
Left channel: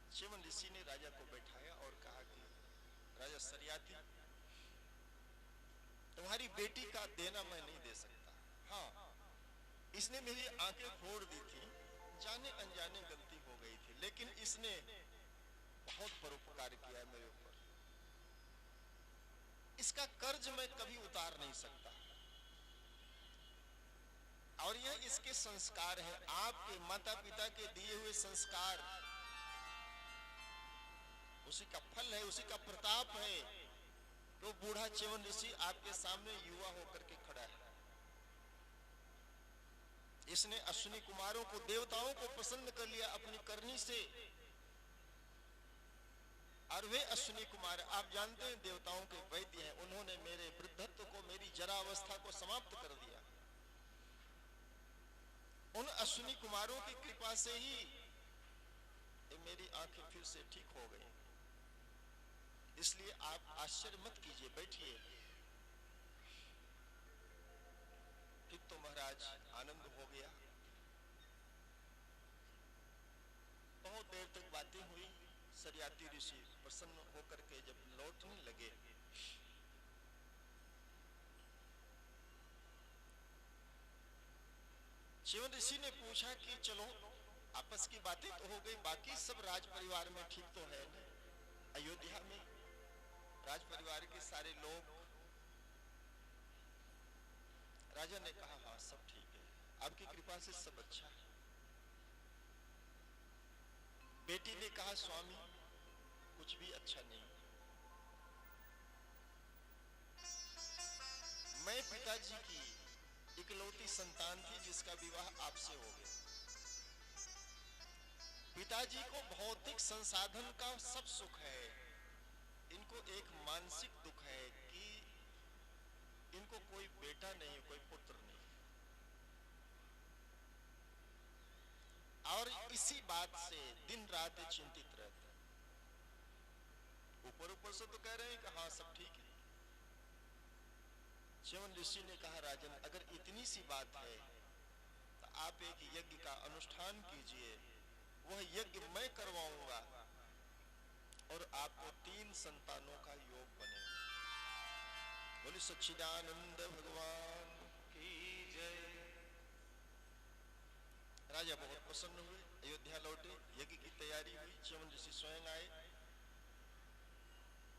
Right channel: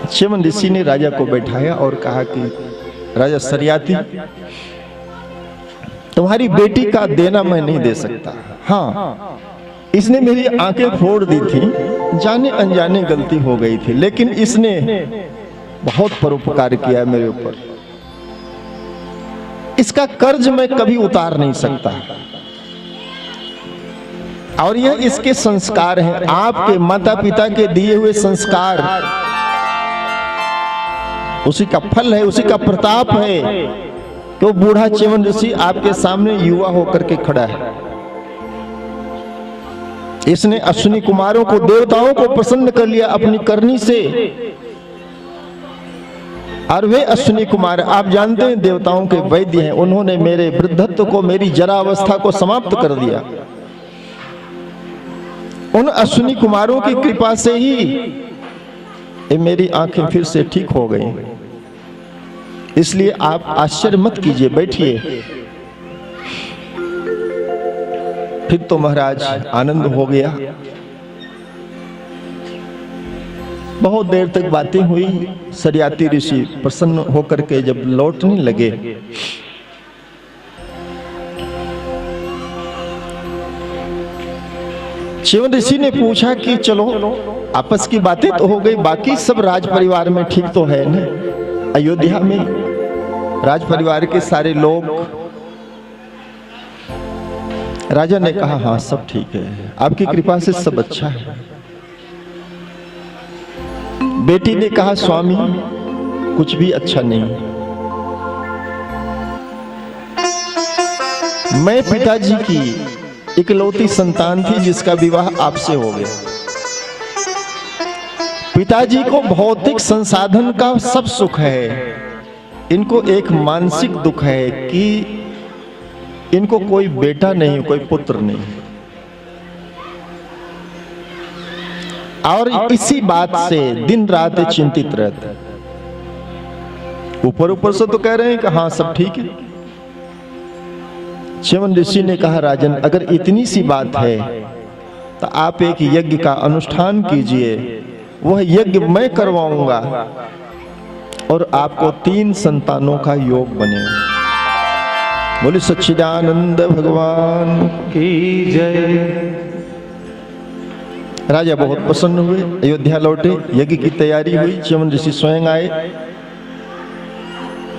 च्यवन ऋषि ने राजा को बैठाया और कहा कि राजा सरियाती, तुम्हारी बेटी का देना मैं नहीं दे सकता। हाँ, इसने मेरी आंखें फोड़ दी थी, जाने अनजाने गलती हो गई थी, लेकिन इसने बहुत परोपकार किया मेरे ऊपर। इसका कर्ज मैं कभी उतार नहीं सकता, और यह इसके संस्कार हैं, आपके माता पिता के दिए हुए संस्कार, उसी का फल है, उसी का प्रताप है कि वो बूढ़ा च्यवन ऋषि आपके सामने युवा होकर के खड़ा है। इसने अश्विनी कुमारों को, देवताओं को प्रसन्न कर लिया अपनी करनी से, और वे अश्विनी कुमार आप जानते हैं देवताओं के वैद्य हैं। उन्होंने मेरे वृद्धत्व को, मेरी जरावस्था को समाप्त कर दिया। उन अश्विनी कुमारों की कृपा से ही मेरी आंखें फिर से ठीक हो गई। इसलिए आप आश्चर्य मत कीजिए, बैठिए। फिर तो महाराज आनंद हो गया। बहुत देर तक बातें हुई। सरियाती ऋषि प्रसन्न होकर के जब लौटने लगे, च्यवन ऋषि ने पूछा कि चलो, आपस की बातें तो हो गई, बाकी सब राज परिवार में ठीक तो है ना? अयोध्या में राज परिवार के सारे लोग राजा ने कहा, हाँ सब ठीक है, आपकी कृपा से सब अच्छा है। बेटी ने कहा, स्वामी कुछ भी अच्छा नहीं, मैं पिताजी की इकलौती संतान थी जिसका विवाह आपसे हो गया। पिताजी को भौतिक संसाधन का सब सुख है, इनको एक मानसिक दुख है कि इनको कोई बेटा नहीं, कोई पुत्र नहीं। और इसी बात से दिन रात चिंतित रहते। ऊपर ऊपर से तो कह रहे हैं कि हाँ सब ठीक है। च्यवन ऋषि ने कहा, राजन अगर इतनी सी बात है तो आप एक यज्ञ का अनुष्ठान कीजिए, वह यज्ञ मैं करवाऊंगा और आपको 3 संतानों का योग बनेगा। बोले सच्चिदानंद भगवान की जय। राजा बहुत प्रसन्न हुए, अयोध्या लौटे, यज्ञ की तैयारी हुई, च्यवन ऋषि स्वयं आए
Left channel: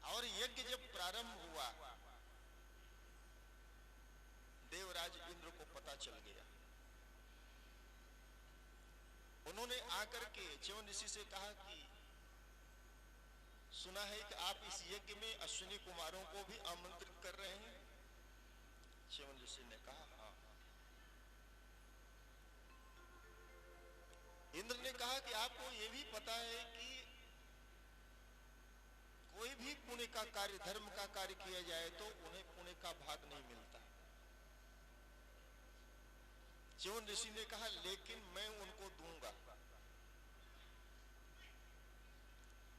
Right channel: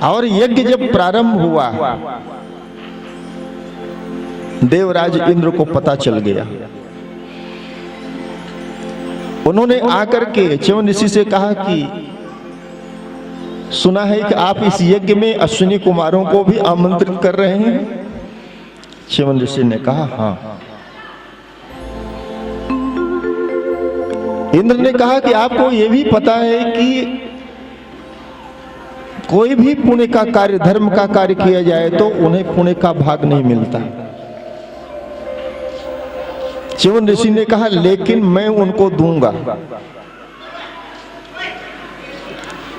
और यज्ञ जब प्रारंभ हुआ, देवराज इंद्र को पता चल गया। उन्होंने आकर के च्यवन ऋषि से कहा कि सुना है कि आप इस यज्ञ में अश्विनी कुमारों को भी आमंत्रित कर रहे हैं। च्यवन ऋषि ने कहा, हाँ। इंद्र ने कहा कि आपको यह भी पता है कि कोई भी पुण्य का कार्य, धर्म का कार्य किया जाए तो उन्हें पुण्य का भाग नहीं मिलता। च्यवन ऋषि ने कहा, लेकिन मैं उनको दूंगा।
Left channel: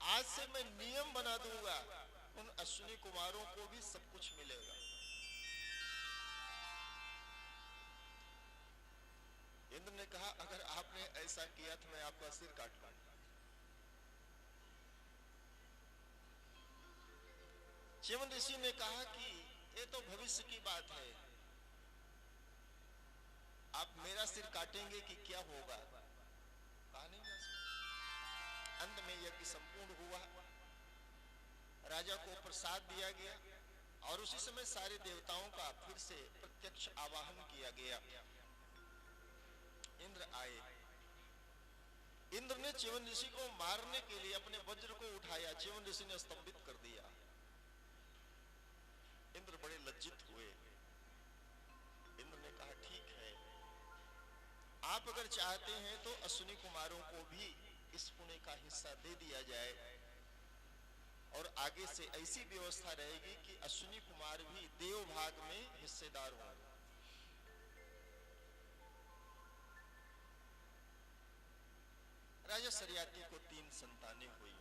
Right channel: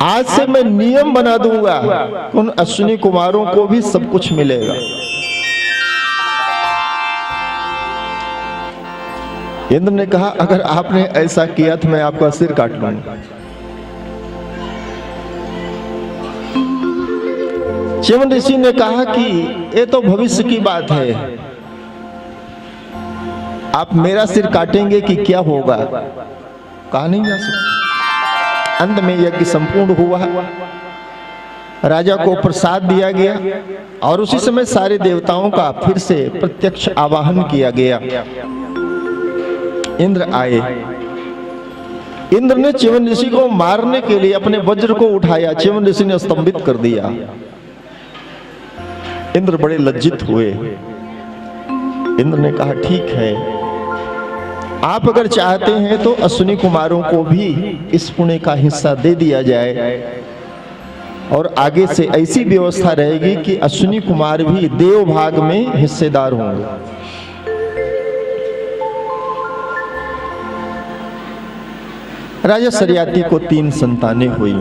आज से मैं नियम बना दूंगा, उन अश्विनी कुमारों को भी सब कुछ मिलेगा। इंद्र ने कहा, अगर आपने ऐसा किया तो मैं आपका सिर काट लूंगा। च्यवन ऋषि ने कहा कि ये तो भविष्य की बात है, आप मेरा सिर काटेंगे कि क्या होगा, कहा नहीं जा सकता। अंत में यज्ञ संपूर्ण हुआ, राजा को प्रसाद दिया गया और उसी समय सारे देवताओं का फिर से प्रत्यक्ष आवाहन किया गया। इंद्र आए। इंद्र ने च्यवन ऋषि को मारने के लिए अपने वज्र को उठाया, च्यवन ऋषि ने स्तंभित कर दिया। इंद्र बड़े लज्जित हुए। इंद्र ने कहा, ठीक है, आप अगर चाहते हैं तो अश्विनी कुमारों को भी इस पुण्य का हिस्सा दे दिया जाए और आगे से ऐसी व्यवस्था रहेगी कि अश्विनी कुमार भी देव भाग में हिस्सेदार होंगे। राजा सरियाती को 3 संतानें हुई।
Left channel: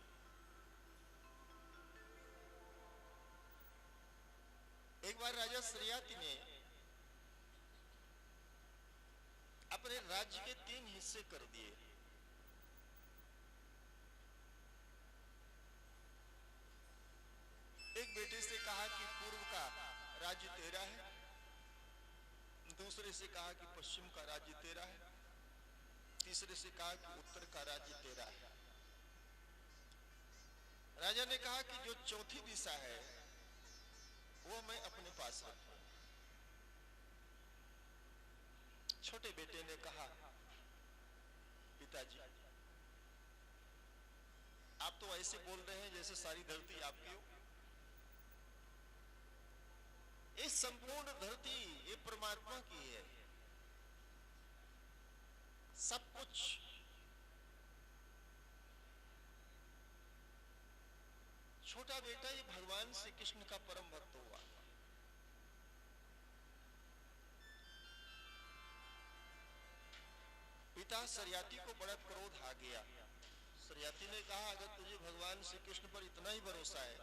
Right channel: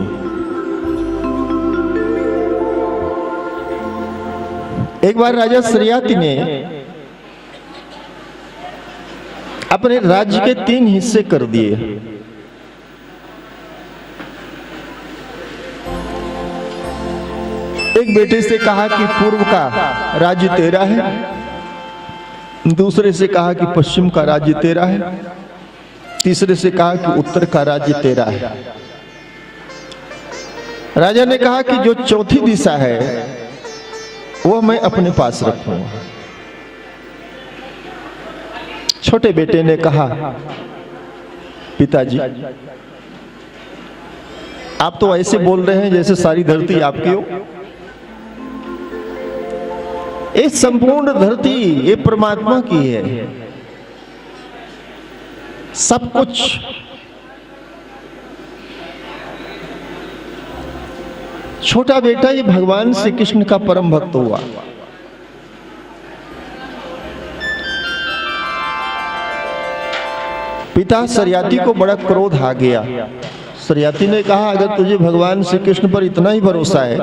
एक बार राजा सरियाती ने अपने राज्य के 3 हिस्से कर दिए। एक बेटे से कहा कि पूर्व का राज्य तेरा है, दूसरे से कहा कि पश्चिम का राज्य तेरा है, तीसरे से कहा कि उत्तर का राज्य तेरा है। राजा ने कहा कि जो चौथी दिशा है वो मैं अपने पास रखूंगा। छोटे बेटे ने कहा, पिताजी आप तो ऐसे बोल रहे हैं जैसे सारी धरती आपकी हो। ये संपूर्ण धरती ये परमात्मा की है, सब कुछ। छोटा बेटा ये भगवान श्री कृष्ण का परम भक्त हुआ। पिता सरियाती को बड़ा क्रोध आ गया। सरियाती ने कहा, अगर तुझे भगवान श्री कृष्ण पर इतना ही भरोसा है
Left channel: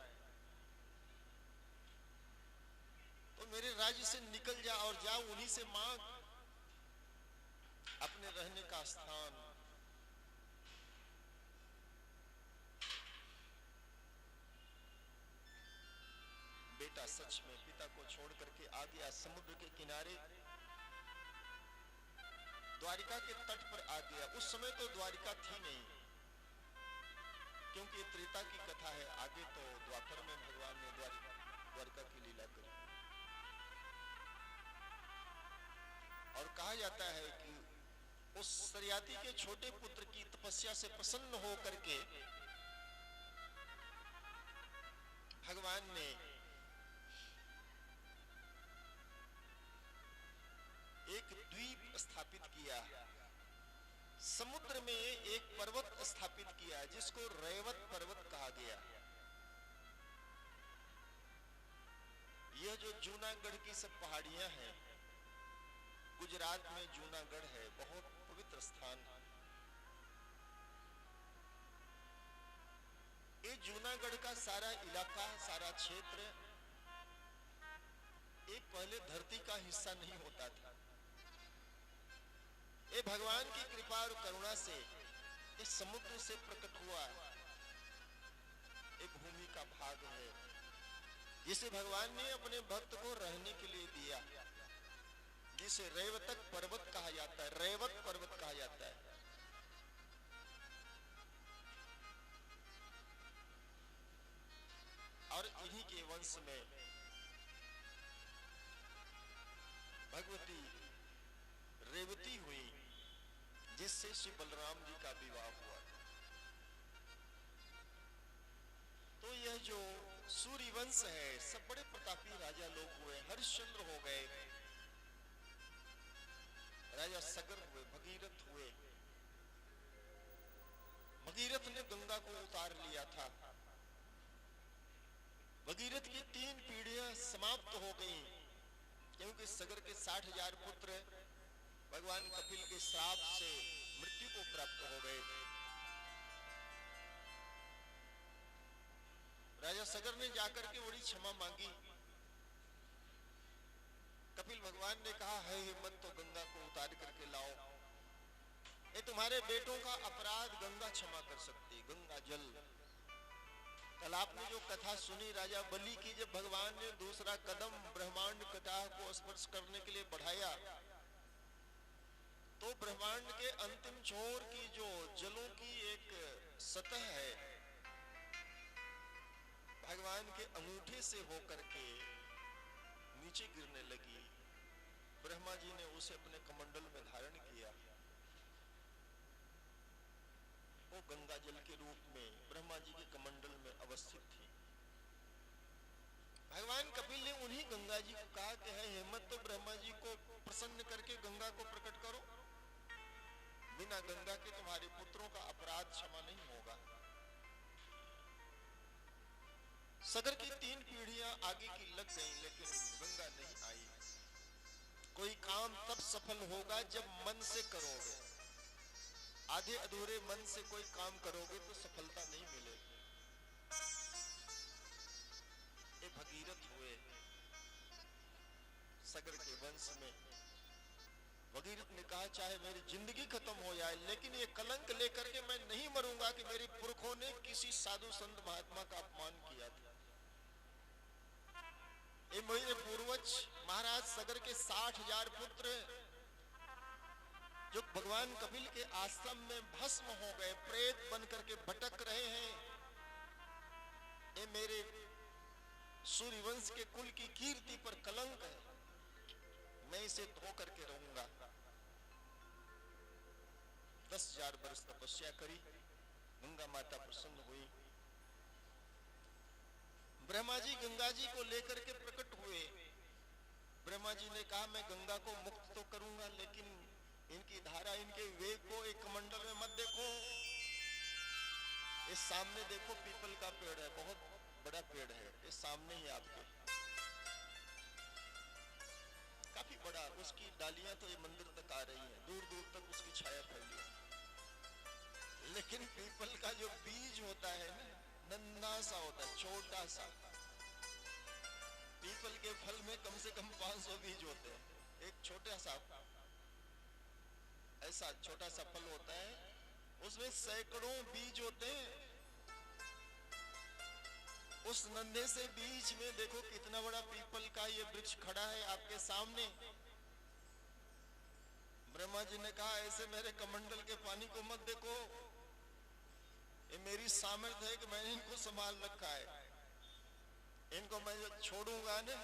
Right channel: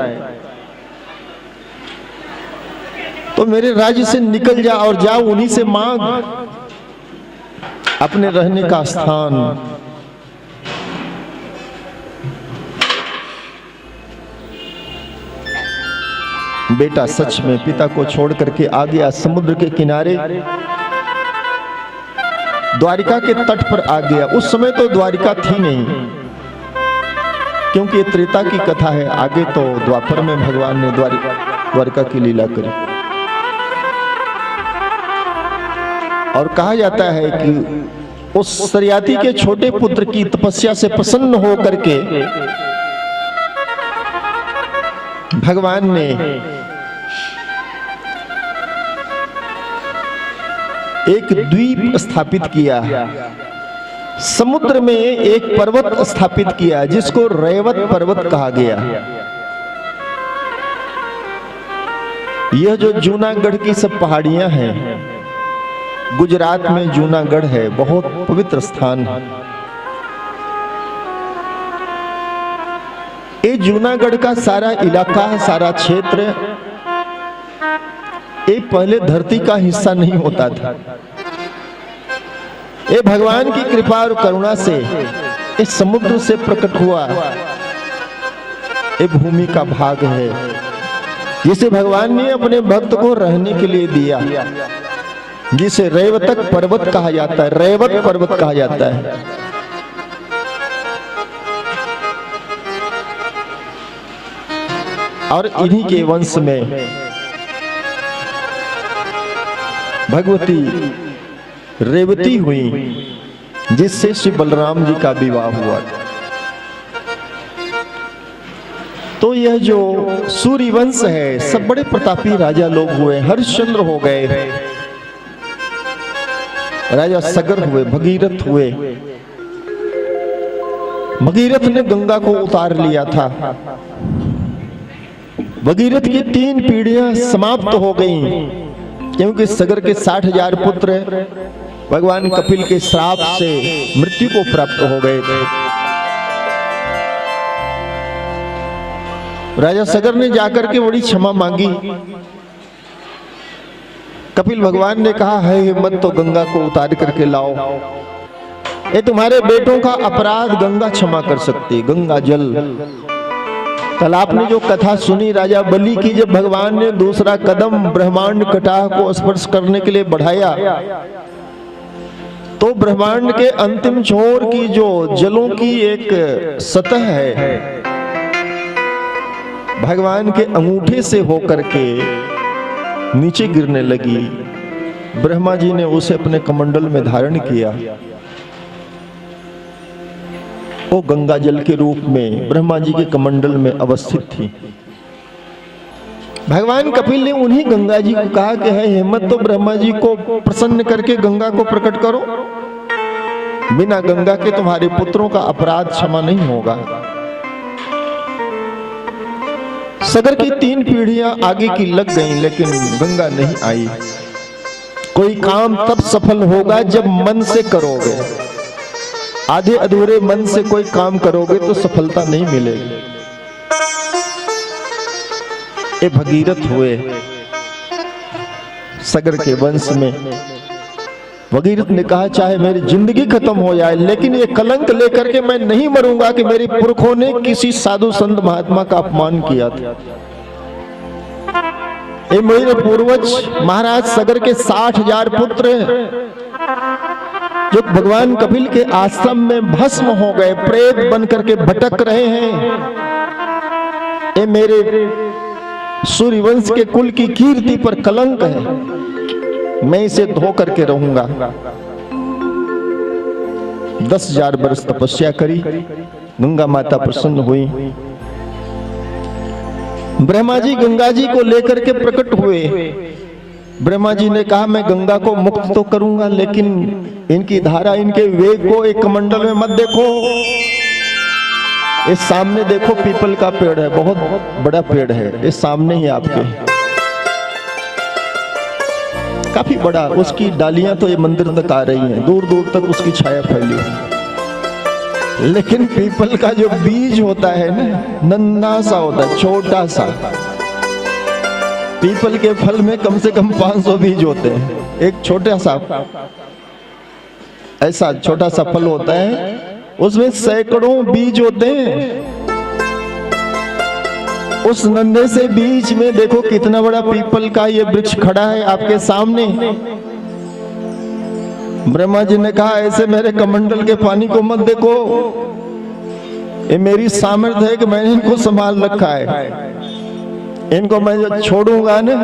तो मेरे राज्य से निकल जा और जा उन्हीं से मांग अपने रहने का स्थान। बेटा सच में पिता को छोड़ करके आ गया समुद्र के किनारे, द्वारिका के तट पर आ गया। उस समय तो द्वारिका थी नहीं, क्योंकि ये त्रेता की कथा है। आगे तो द्वापर में भगवान ने द्वारिका की लीला करी। और कहा जाता है कि उस सरियाती के छोटे पुत्र की तपस्या से प्रसन्न हो करके भगवान ने एक द्वीप स्थापित किया, समुद्र में एक पर्वत स्थापित किया जिसको रैवत पर्वत कहा गया। यह जो जूनागढ़ की सब पहाड़ियां हैं, गुजरात में जूनागढ़ है, बहुत पवित्र स्थान है। ये जूनागढ़ का सारा इलाका, सारा क्षेत्र, ये पहले धरती का हिस्सा नहीं होता था। ये भगवान की कृपा और करुणा से इस समुद्र से प्रकट हुआ ये भूमि का भाग है, जिसे भगवान ने अपने भक्त को रहने के लिए दिया, जिसे रैवतक पर्वत कहा जाता है, रैवत पर्वत कहा जाता है। और इन्हीं के वंश में भगवती रेवती हुई, जिससे श्री बलराम जी का विवाह हुआ। तो यह जो सूर्यवंश है, सब बड़े प्रतापी राजा लोग हुए। हरिश्चंद्र हो गए, राजा सगर हुए, भगीरथ हुए। भगीरथ ने गंगा को उतार लिया था। भगीरथ की 3 पीढ़ियां समाप्त हो गईं, क्योंकि सगर के 60,000 पुत्र भगवान कपिल के श्राप से मृत्यु को प्राप्त हो गए थे। राजा सगर ने जाकर के बड़ी क्षमा मांगी। कपिल भगवान ने कहा, है हिम्मत तो गंगा को उतार करके लाओ। ये तुम्हारे बेटों का अपराध गंगा क्षमा कर सकती, गंगा जल। कल आपने जो कथा सुनी राजा बलि की, जब भगवान ने दूसरा कदम ब्रह्मांड कटाह को स्पर्श करने के लिए बढ़ाया, तो ब्रह्मांड के अंतिम छोर की जो जलों की एक सतह है, भगवान के अंगूठे से होकर के नीचे गिरने लगी। ब्रह्मा जी ने उसे अपने कमंडल में धारण किया। वो गंगा जल के रूप में ब्रह्मा जी के कमंडल में अवस्थित थी। भगवान कपिल ने उन्हीं गंगा जी को कहा कि है हिम्मत तो ब्रह्मा जी को प्रसन्न करके गंगा को प्रकट करो। बिना गंगा के तुम्हारे पुत्रों का अपराध क्षमा नहीं होगा। सगर की 3 पीढ़ियां आगे की लग गईं, लेकिन गंगा नहीं आई। कोई काम तब सफल होगा जब मन से करोगे। आधे अधूरे मन से कोई काम करोगे तो सफलता नहीं मिलेगी। ये भगीरथ हुए सगर के वंश में। भगीरथ ने कहा, चाहे मेरी जिंदगी खत्म हो जाए, लेकिन ये कलंक लेकर के मैं नहीं मरूंगा कि मेरे पुरखों ने किसी साधु संत महात्मा का अपमान किया था। ये मेरे पूर्वज महाराज सगर के 60,000 पुत्र जो भगवान कपिल के आश्रम में भस्म हो गए, प्रेत बन करके भटक रहे हैं, ये मेरे सूर्यवंश के कुल की कीर्ति पर कलंक है। मैं इसे धो करके रहूंगा। 10,000 वर्ष तपस्या करी, गंगा माता प्रसन्न हुई। ब्रह्मा जी गंगा जी को लेकर के प्रकट हुए। ब्रह्मा जी ने कहा, मैं गंगा को मुक्त तो करूंगा, लेकिन इनकी धारा, इनके वेग को एक कमंडल में मत देखो। इस सामने देखो पीपल का पेड़ है, बहुत बड़ा पेड़ है, इस सामने ही आपके, काफी बड़ा। उसकी डालियां तो ये मंदिर तक आ रही हैं, दूर दूर तक उसकी छाया फैली है। लेकिन पीपल का जो बीज होता है ना, नन्हा सा होता है, छोटा सा। पीपल के फल में कम से कम 500 बीज होते हैं। एक छोटा सा ऐसा छोटा सा फल होता है, उसमें सैकड़ों बीज होते हैं। उस नन्हे से बीज में देखो कितना बड़ा पीपल का ये वृक्ष खड़ा है आपके सामने। ब्रह्मा जी ने कहा, ऐसे मेरे कमंडल के पानी को मत देखो। ये मेरी सामर्थ्य है कि मैंने इनको संभाल रखा है। इनको मैं जब छोड़ूंगा ना,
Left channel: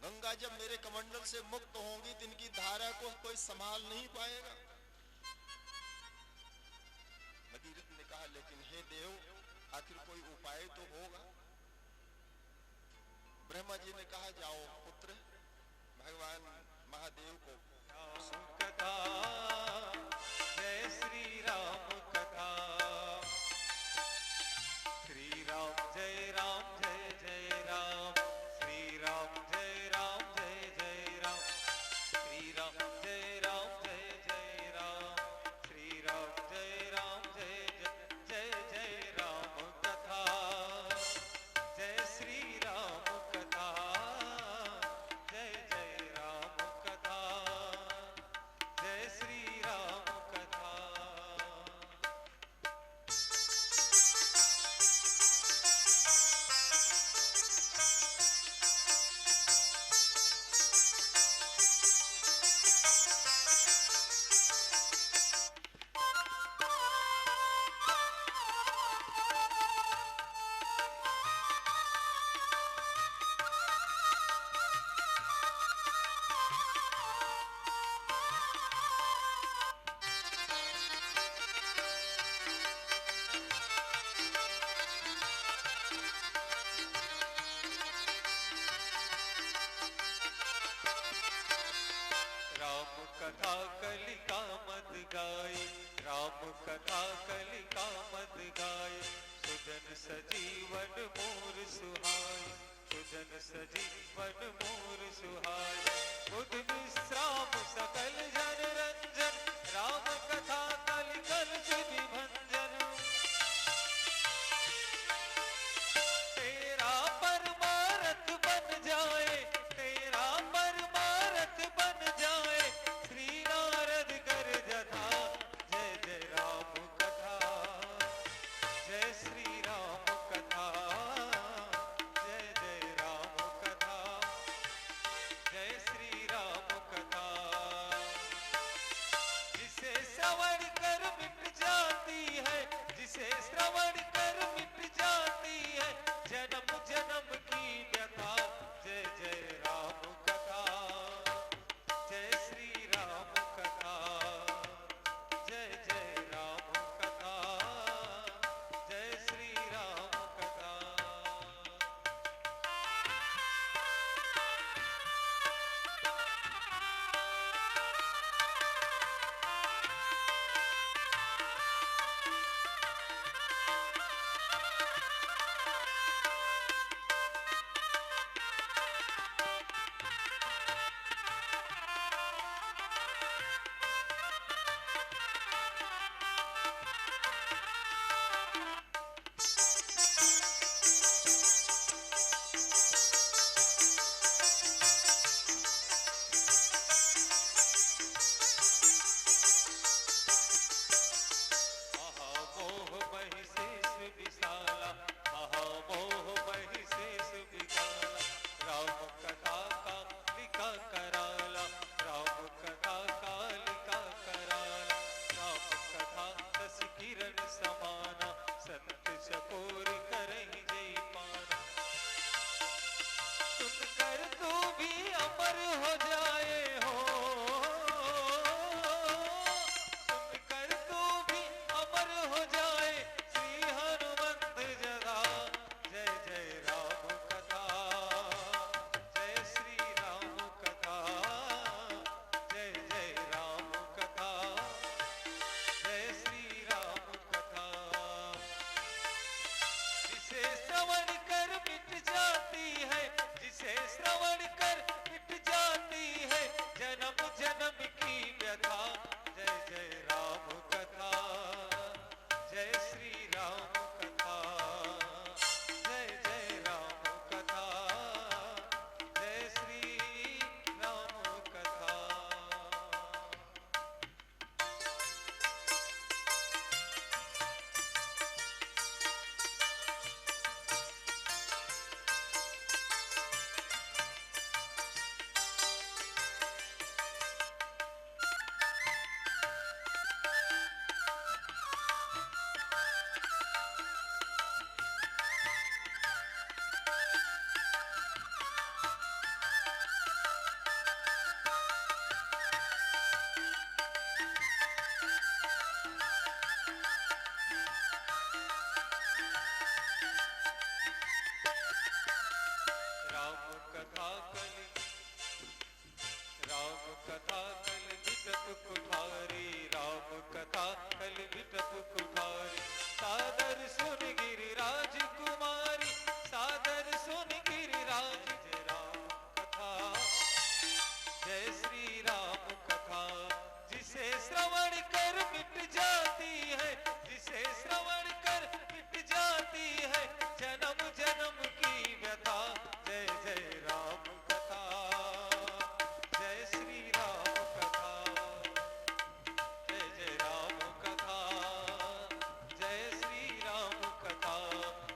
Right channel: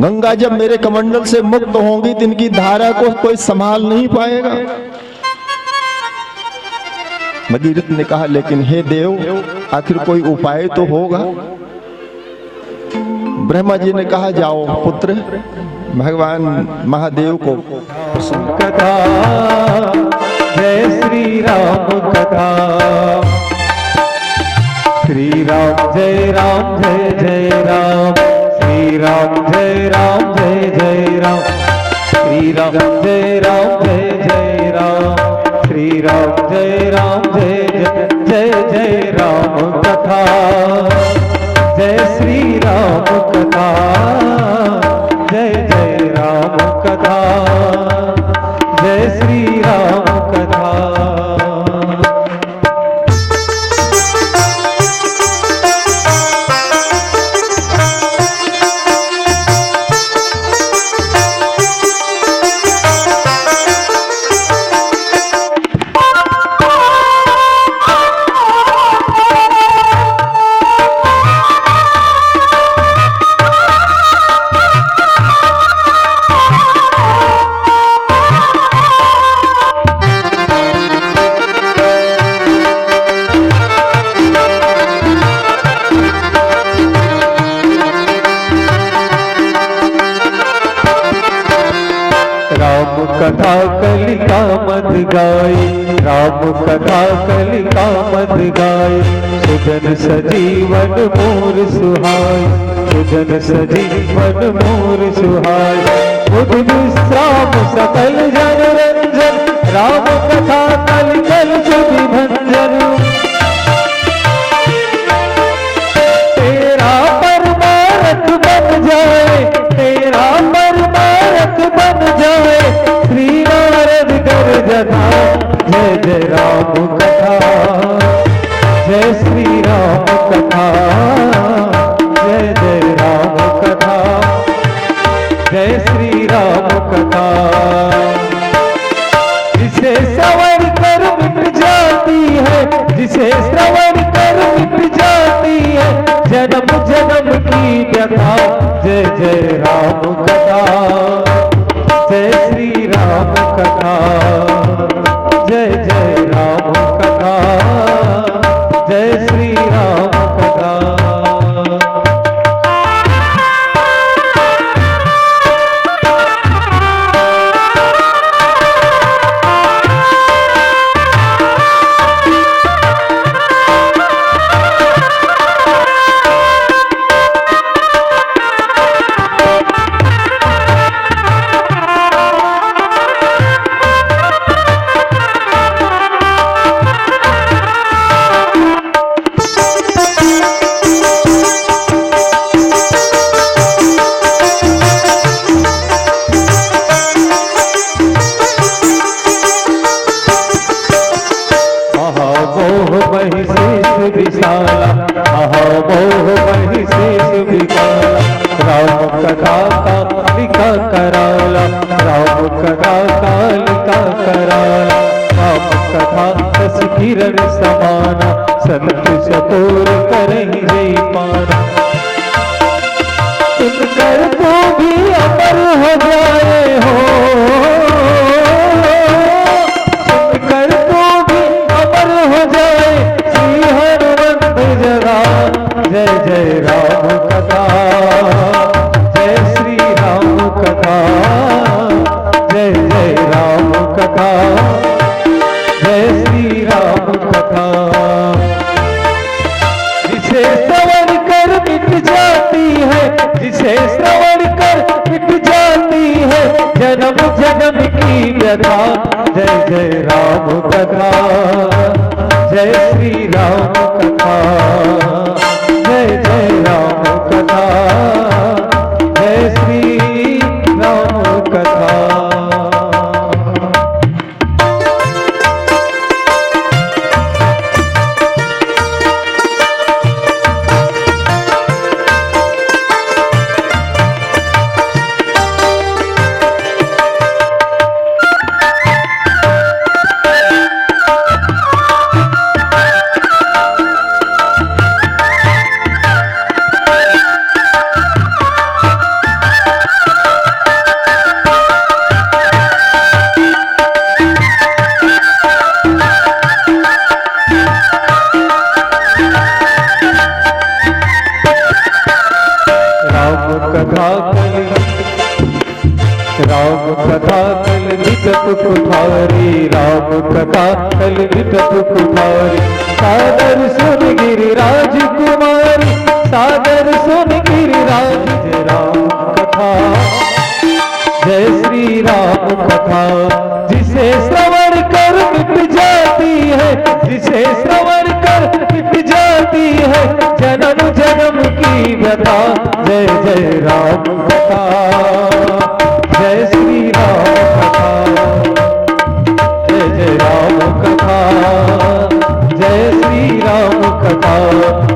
गंगा जब मेरे कमंडल से मुक्त होंगी तो इनकी धारा को कोई संभाल नहीं पाएगा। भगीरथ ने कहा, लेकिन हे देव, आखिर कोई उपाय तो होगा। ब्रह्मा जी ने कहा, जाओ पुत्र, भगवान महादेव को कथा जय श्री राम कथा। श्री राम जय राम जय जय राम, श्री राम जय राम जय जय राम, श्री राम जय राम जय जय राम, श्री राम जय राम जय जय जय जय राम कथा। जय श्री राम कथा, जय जय राम कथा, जय श्री राम कथा। कथा कलिका मत गाई, राम कथा कलिका मत गाई। सुजन सजीवन मोर सुहाय, सुजन सजीवन मोर सुहाय। बुध विश्राम सकल जन रंजन, राम कथा कल कल सुधि भंजन। तेरा परमारथ बन जाए, तेरा परमारथ बन जाए। श्री नारद कर जथा, जय जय राम कथा, जय श्री राम कथा, जय जय राम कथा, जय श्री राम कथा। जिसे श्रवण कर मिट जाती है, जिसे श्रवण कर मिट जाती है जन्म जन्म की व्यथा। जय जय राम कथा, जय श्री राम कथा, जय जय राम कथा, जय श्री राम कथा। किरण समाना संत सतोर करहि जय पाना। सुनकर तो भी अमर हो जाए हो, सुनकर तो भी अमर हो जाए। श्री हनुमंत जगा, जय जय राम कथा, जय श्री राम कथा, जय जय राम कथा, जय श्री राम कथा। जिसे श्रवण कर मिट जाती है, जिसे श्रवण कर मिट जाती है जन्म जन्म की व्यथा। जय जय राम कथा, जय श्री राम कथा, जय जय राम कथा, जय श्री राम कथा। कथा राम कथा कल निकट कुठारी, राम कथा कल निकट कुठारी। सादर सुन गिरिराज कुमारी, सादर सुन गिरिराज। जय राम कथा, जय श्री राम कथा। जिसे श्रवण कर मिट जाती है, जिसे श्रवण कर मिट जाती है जन्म जन्म की व्यथा। जय जय राम कथा, जय श्री राम कथा, जय जय राम कथा, जय श्री राम कथा।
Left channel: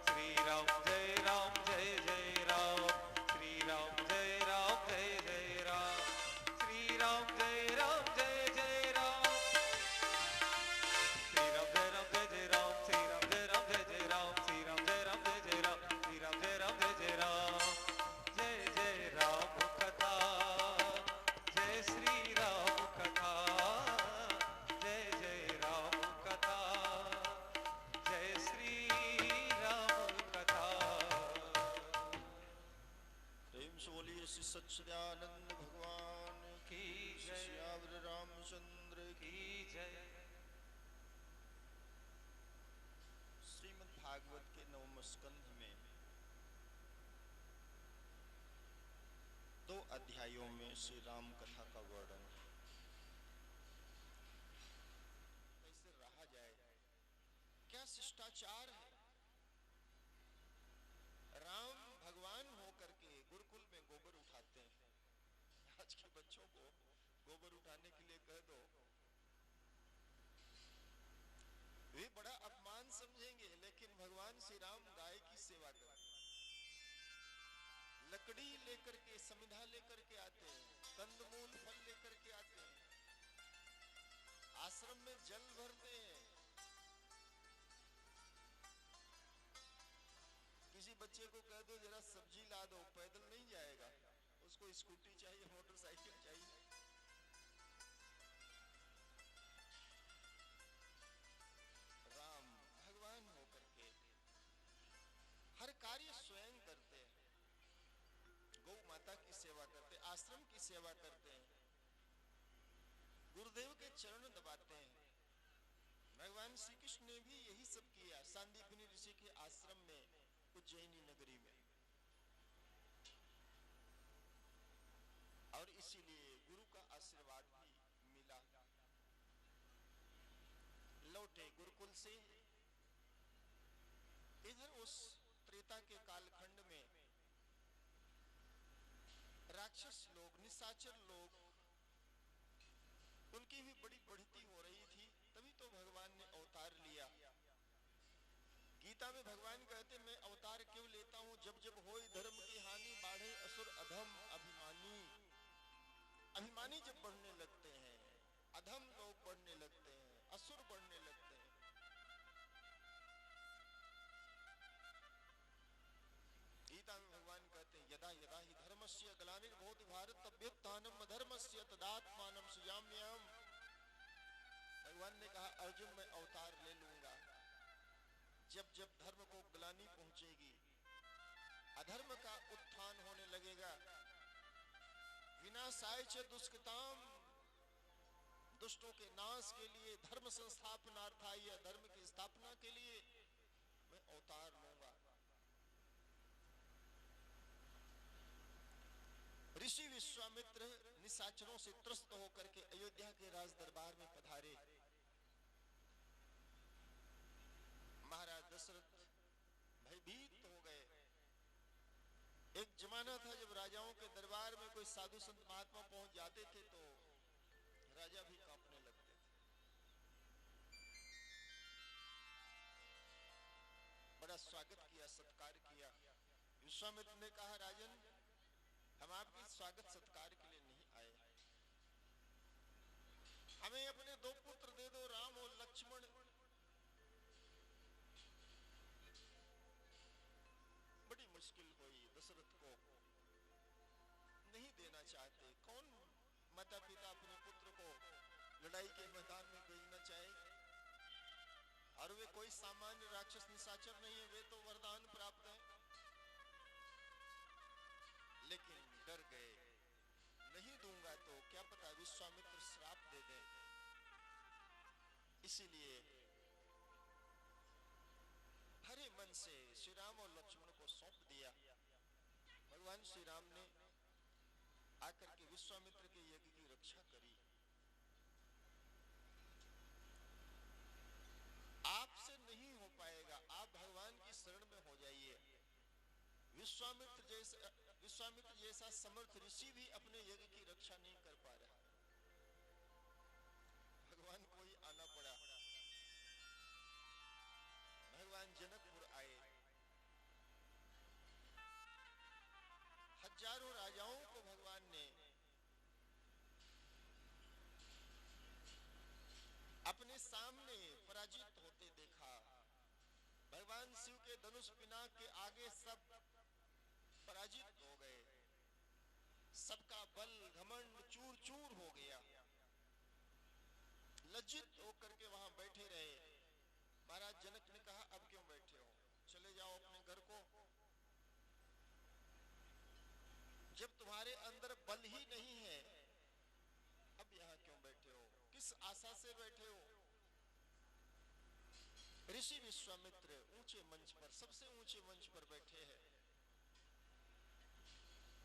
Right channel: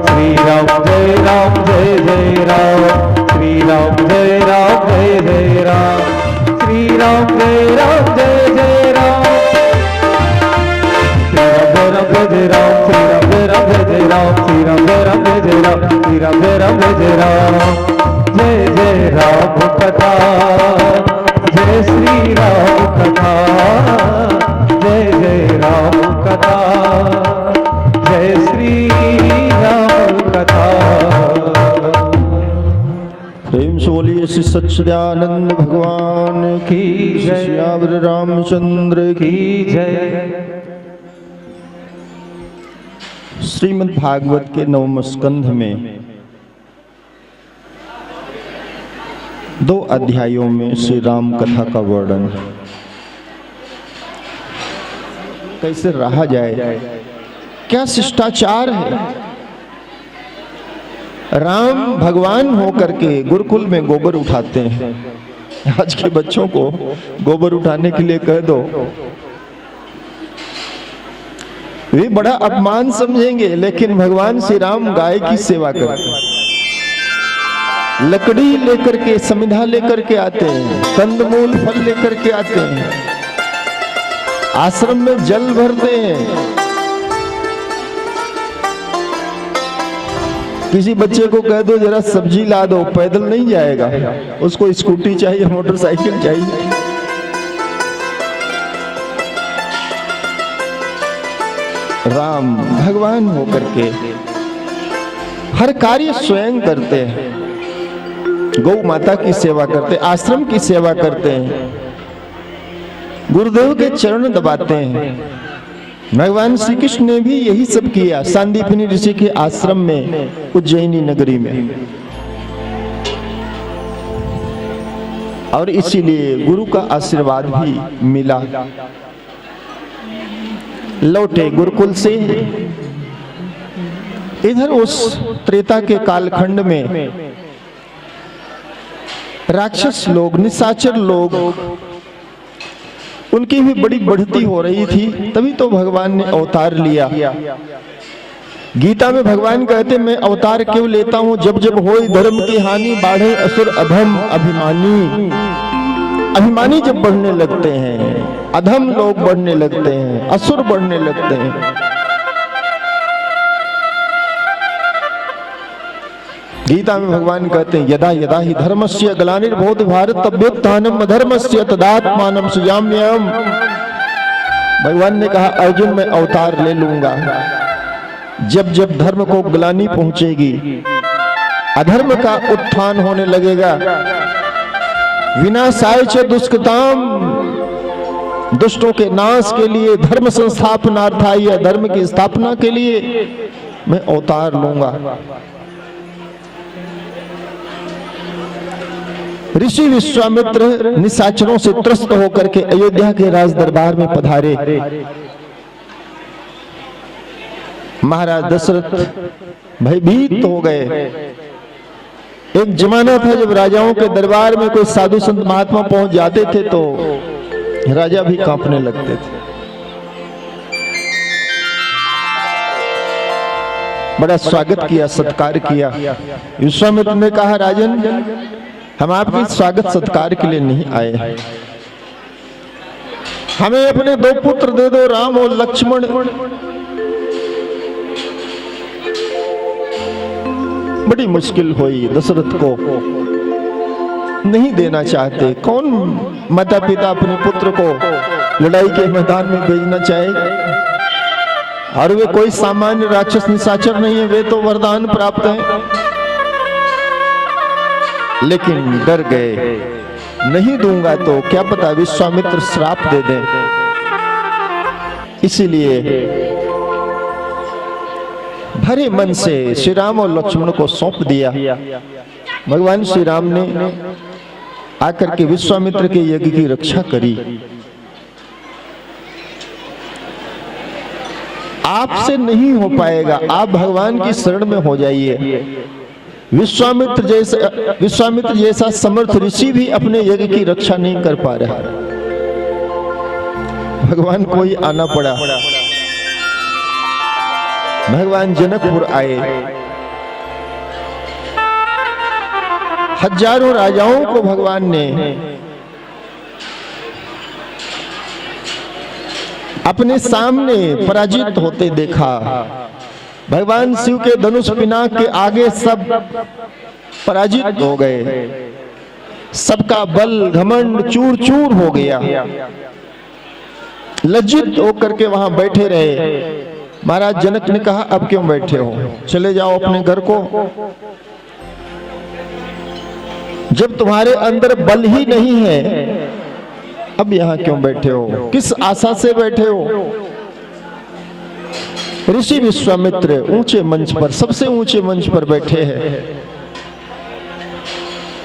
श्री राम जय राम, जय जय राम, श्री राम जय राम, जय जय राम, श्री राम जय राम, जय जय राम। श्री राम जय राम, जय राम, श्री राम जय राम, जय राम, श्री राम जय राम, जय राम, जय जय राम कथा, जय श्री राम कथा, जय जय राम कथा, जय श्री राम कथा। प्रेम से बोलिए श्री सच्चिदानंद भगवान की जय, श्यावर रामचंद्र की जय। श्रीमद् भागवत के नवम स्कंध में 2 अध्यायों में श्री राम कथा का वर्णन है। कैसे रहा जाए, क्या शिष्टाचार है। राम भगवान होकर के गुरुकुल में गोबर उठाते हैं। आज के बच्चों को गोबर उठाने के लिए कह दो, वे बड़ा अपमान समझेंगे, लेकिन भगवान श्री राम गाय की सेवा करते हैं। लकड़ी लेकर के, समिधा लेकर के आते हैं, कंदमूल फल लेकर के आते हैं, आश्रम में जल भरते हैं। किसी बच्चे को कह दो जरा सब्जी ला दो, पैदल नहीं जाएगा, उसको स्कूटी चाहिए, मोटरसाइकिल चाहिए। राम भगवान होकर के हर कार्य स्वयं करते हैं। गौ माता की सेवा करते हैं, आश्रम की सेवा करते हैं, गुरुदेव के चरण दबाते हैं। भगवान श्री कृष्ण ने भी यही सब किया सांदीपनी ऋषि के आश्रम में, उज्जैनी नगरी में। और इसीलिए गुरु का आशीर्वाद भी मिला। लौटे गुरुकुल से, इधर उस त्रेता के कालखंड में राक्षस लोग, निशाचर लोग, उनकी भी बड़ी बढ़ती हो रही थी। तभी तो भगवान ने अवतार लिया। गीता में भगवान कहते, मैं अवतार क्यों लेता हूं, जब जब होए धर्म की हानि, बाढ़े असुर अधम अभिमानी। अभिमानी जब बढ़ने लगते हैं, अधम लोग बढ़ने लगते हैं, असुर बढ़ने लगते हैं। गीता में भगवान कहते हैं, यदा यदा ही धर्मस्य ग्लानिर्भवति भारत तद्योत्थानम् अधर्मस्य तदात्मानं सृजाम्यहम्। भगवान ने कहा, अर्जुन मैं अवतार ले लूंगा। जब जब धर्म को ग्लानि पहुंचेगी, अधर्म का उत्थान होने लगेगा, विनाशाय च दुष्कृताम, दुष्टों के नाश के लिए, धर्म संस्थापनार्थाय, या धर्म की स्थापना के लिए मैं अवतार लूंगा। ऋषि विश्वामित्र निशाचरों से त्रस्त होकर के अयोध्या के राज दरबार में पधारे। महाराज दशरथ भयभीत हो गए। एक जमाना था जब राजाओं के दरबार में कोई साधु संत महात्मा पहुंच जाते थे तो राजा भी कांपने लगते थे। बड़ा स्वागत किया, सत्कार किया। विश्वामित्र ने कहा, राजन हम आपके स्वागत सत्कार के लिए नहीं आए, हमें अपने 2 पुत्र दे दो, राम और लक्ष्मण। बड़ी मुश्किल हुई, दशरथ को नहीं देना चाहते। कौन माता पिता अपने पुत्र को लड़ाई के मैदान में भेजना चाहे? और वे कोई सामान्य राक्षस निशाचर नहीं है, वे तो वरदान प्राप्त है। लेकिन डर गए, नहीं दूंगा तो क्या पता विश्वामित्र श्राप दे दें। इसीलिए भरे मन से श्री राम और लक्ष्मण को सौंप दिया। भगवान श्री राम ने आकर के विश्वामित्र के यज्ञ की रक्षा करी। आपसे नहीं हो पाएगा, आप भगवान की शरण में हो जाइए। विश्वामित्र जैसा समर्थ ऋषि भी अपने यज्ञ की रक्षा नहीं कर पा रहा। भगवान को ही आना पड़ा। भगवान जनकपुर आए, हजारों राजाओं को भगवान ने अपने सामने पराजित होते देखा। भगवान शिव के धनुष पिनाक के आगे सब पराजित हो गए, सबका बल घमंड चूर चूर हो गया। लज्जित होकर के वहां बैठे रहे। महाराज जनक ने कहा, अब क्यों बैठे हो, चले जाओ अपने घर को। जब तुम्हारे अंदर बल ही नहीं है, अब यहां क्यों बैठे हो, किस आशा से बैठे हो। ऋषि विश्वामित्र ऊंचे मंच पर, सबसे ऊंचे मंच पर बैठे हैं।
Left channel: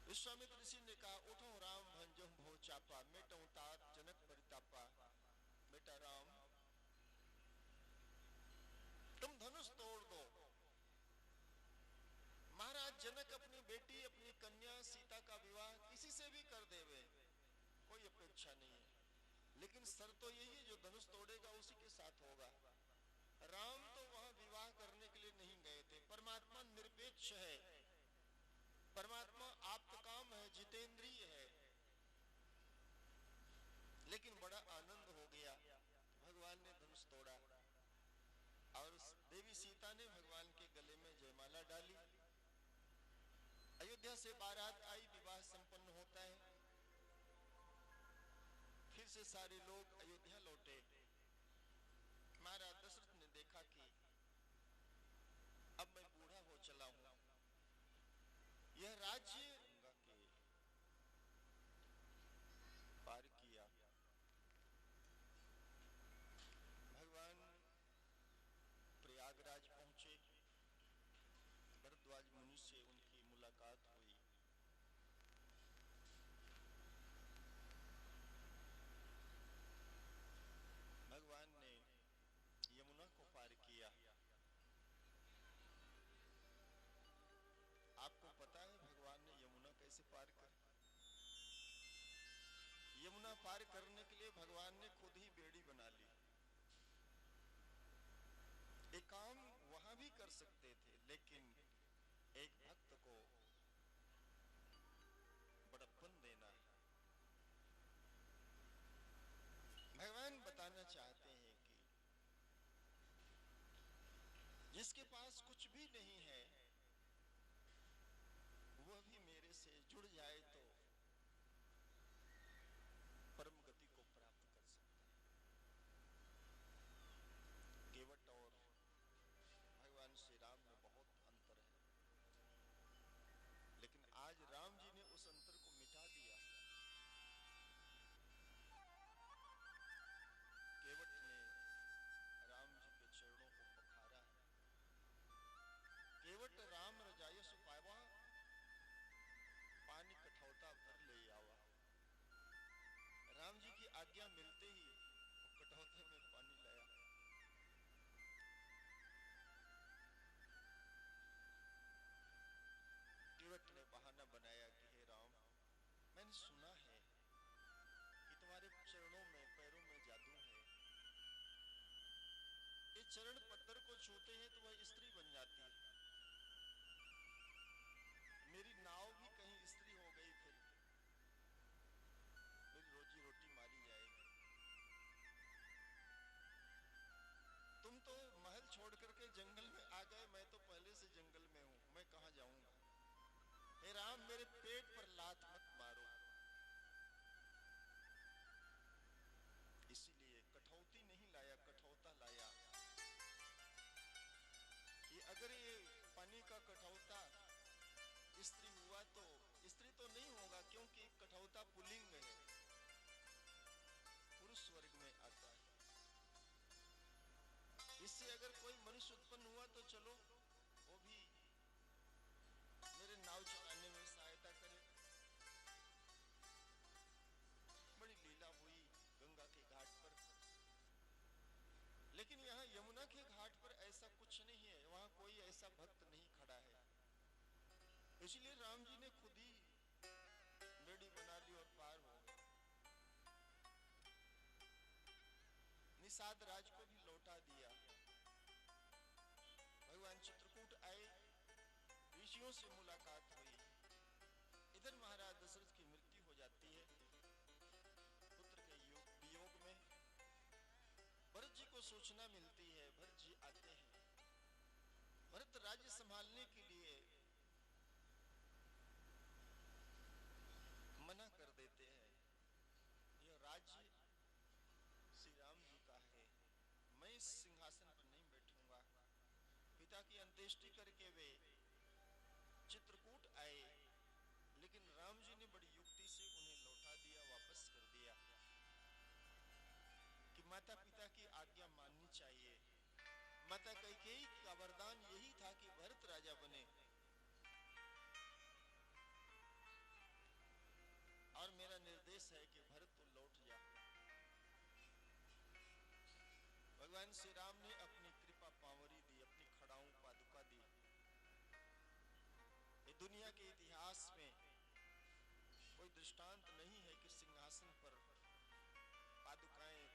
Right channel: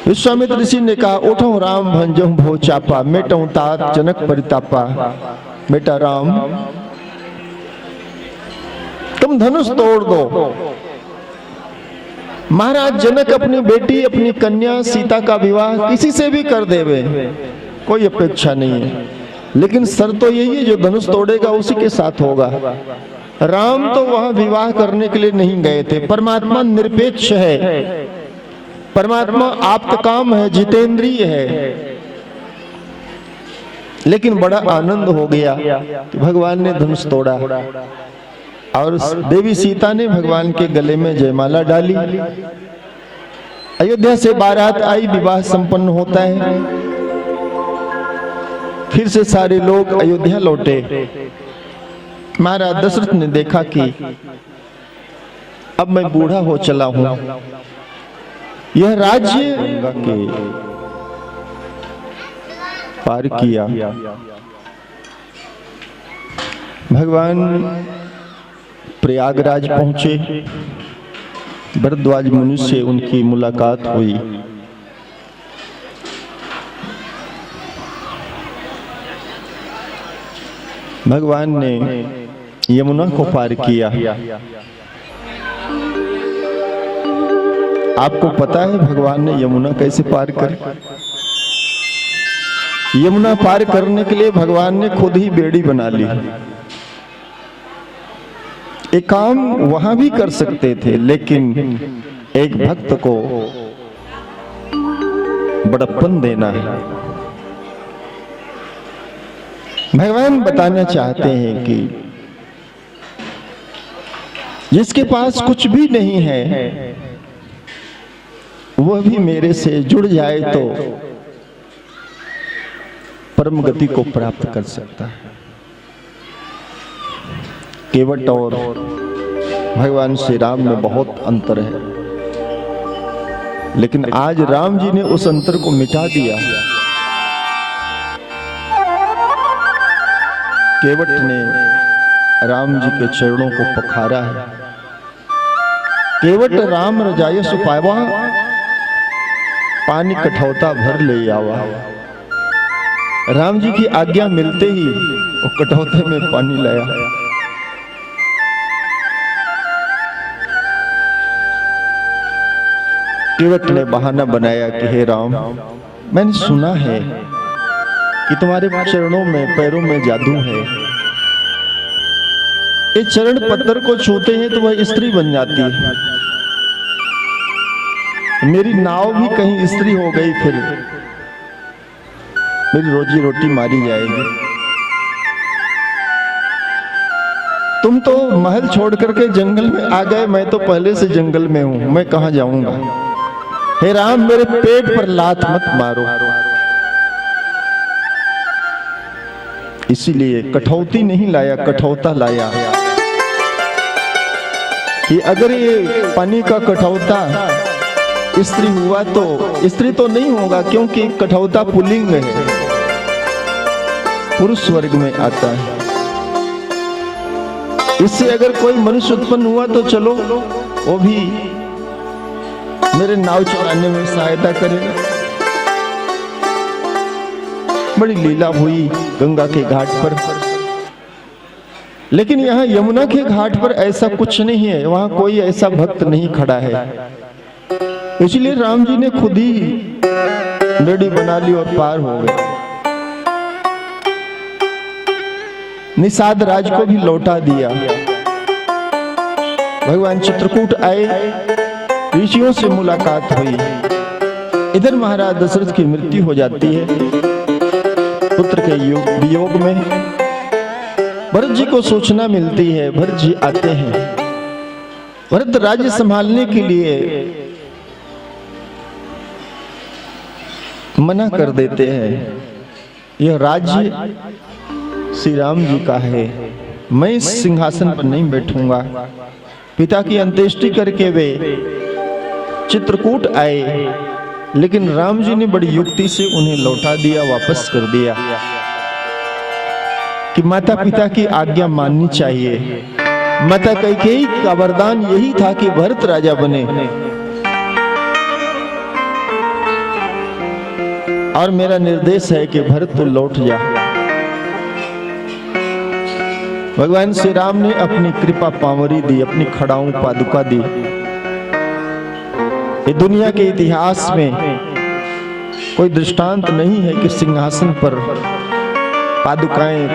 विश्वामित्र ऋषि ने कहा, उठो राम भंजो भो चापा, मेटो तात जनक परितापा। बेटा राम, तुम धनुष तोड़ दो। महाराज जनक अपनी बेटी, अपनी कन्या सीता का विवाह किसी से भी कर देवे, कोई अपेक्षा नहीं है, लेकिन शर्त तो यही है, जो धनुष तोड़ेगा उसी के साथ होगा। राम तो वहां विवाह करने के लिए नहीं गए थे। परमात्मा निरपेक्ष है, परमात्मा आप्तकाम है, जितेंद्रिय है। लेकिन बड़ा आनंद हो गया कि भगवान ने धनुष तोड़ा और देवी सीता ने भगवान के गले में जयमाला डाली। अयोध्या से बारात आई, विवाह संपन्न होता है। फिर से सारे लोग अयोध्या लौटे। महाराज दशरथ ने देखा कि अब मैं बूढ़ा हो चला हूं, यह राज्य गंगा के पार किया। भगवान प्रयागराज पहुंचे, भरद्वाज मुनि से उनकी मुलाकात हुई। भगवान ने यमुना को पार किया। आपको पता है भगवान ने यमुना कैसे पार कर? यमुना पार करने के लिए भगवान ने खुद ही बेड़ी बना ली। एक काम वहां भी कर सकते थे, लेकिन एक भक्त को बड़प्पन देना है। भगवान बताना चाहते हैं कि जिसके पास कुछ भी नहीं है, वह भी मेरे से जुड़ जाए तो परम गति को प्राप्त कर सकता है। केवट और भगवान श्री राम में बहुत अंतर है, लेकिन आज राम जी ने उस अंतर को मिटा दिया। केवट ने राम जी के चरणों को पखारा है। केवट राम रजायस पावा, पानी कठौता भर ले आवा। राम जी की आज्ञा मिलते ही वो कठौते में पानी लाया। केवट ने बहाना बनाया कि हे राम, मैंने सुना है कि तुम्हारे चरणों में, पैरों में जादू है। ये चरण पत्थर को छूते हैं तो वह स्त्री बन जाती है। मेरी नाव भी कहीं स्त्री हो गई, फिर मेरी रोजी रोटी मारी जाएगी। तुम तो महल छोड़ करके जंगल में आ गए, मैं तो पहले से जंगल में हूं, मैं कहां जाऊंगा। हे राम, मेरे पेट पर लात मत मारो। इसीलिए कठौती नहीं लाया, कठौता लाया कि अगर ये पानी का कठौता स्त्री हुआ तो स्त्री तो नहीं होगा, क्योंकि कठौता पुल्लिंग है, पुरुष वर्ग में आता है। इससे अगर कोई मनुष्य उत्पन्न हुआ तो चलो वो भी मेरे नाव चलाने में सहायता करेगा। बड़ी लीला हुई गंगा के घाट पर, लेकिन यहाँ यमुना के घाट पर ऐसा कुछ नहीं है, वहां कोई ऐसा भक्त नहीं खड़ा है। इसलिए राम जी ने खुद ही बेड़ी बना ली और पार हो गए। निषाद राज को भी लौटा दिया। भगवान चित्रकूट आए, ऋषियों से मुलाकात हुई। इधर महाराज दशरथ की मृत्यु हो जाती है पुत्र के वियोग में। भरत जी को सूचना मिलती है, भरत जी आते हैं। भरत राज्य संभालने के लिए मना कर देते हैं, यह राज्य श्री राम जी का है, मैं इस सिंहासन पर नहीं बैठूंगा। पिता की अंत्येष्टि करके वे चित्रकूट आए, लेकिन राम जी ने बड़ी युक्ति से उन्हें लौटा दिया, वापस कर दिया कि माता पिता की आज्ञा माननी चाहिए। माता कैकेयी का वरदान यही था कि भरत राजा बने, और मेरा निर्देश है कि भरत तो लौट जा। भगवान श्री राम ने अपनी कृपा पावरी दी, अपनी खड़ाऊं पादुका दी। ये दुनिया के इतिहास में कोई दृष्टांत नहीं है कि सिंहासन पर पादुकाएं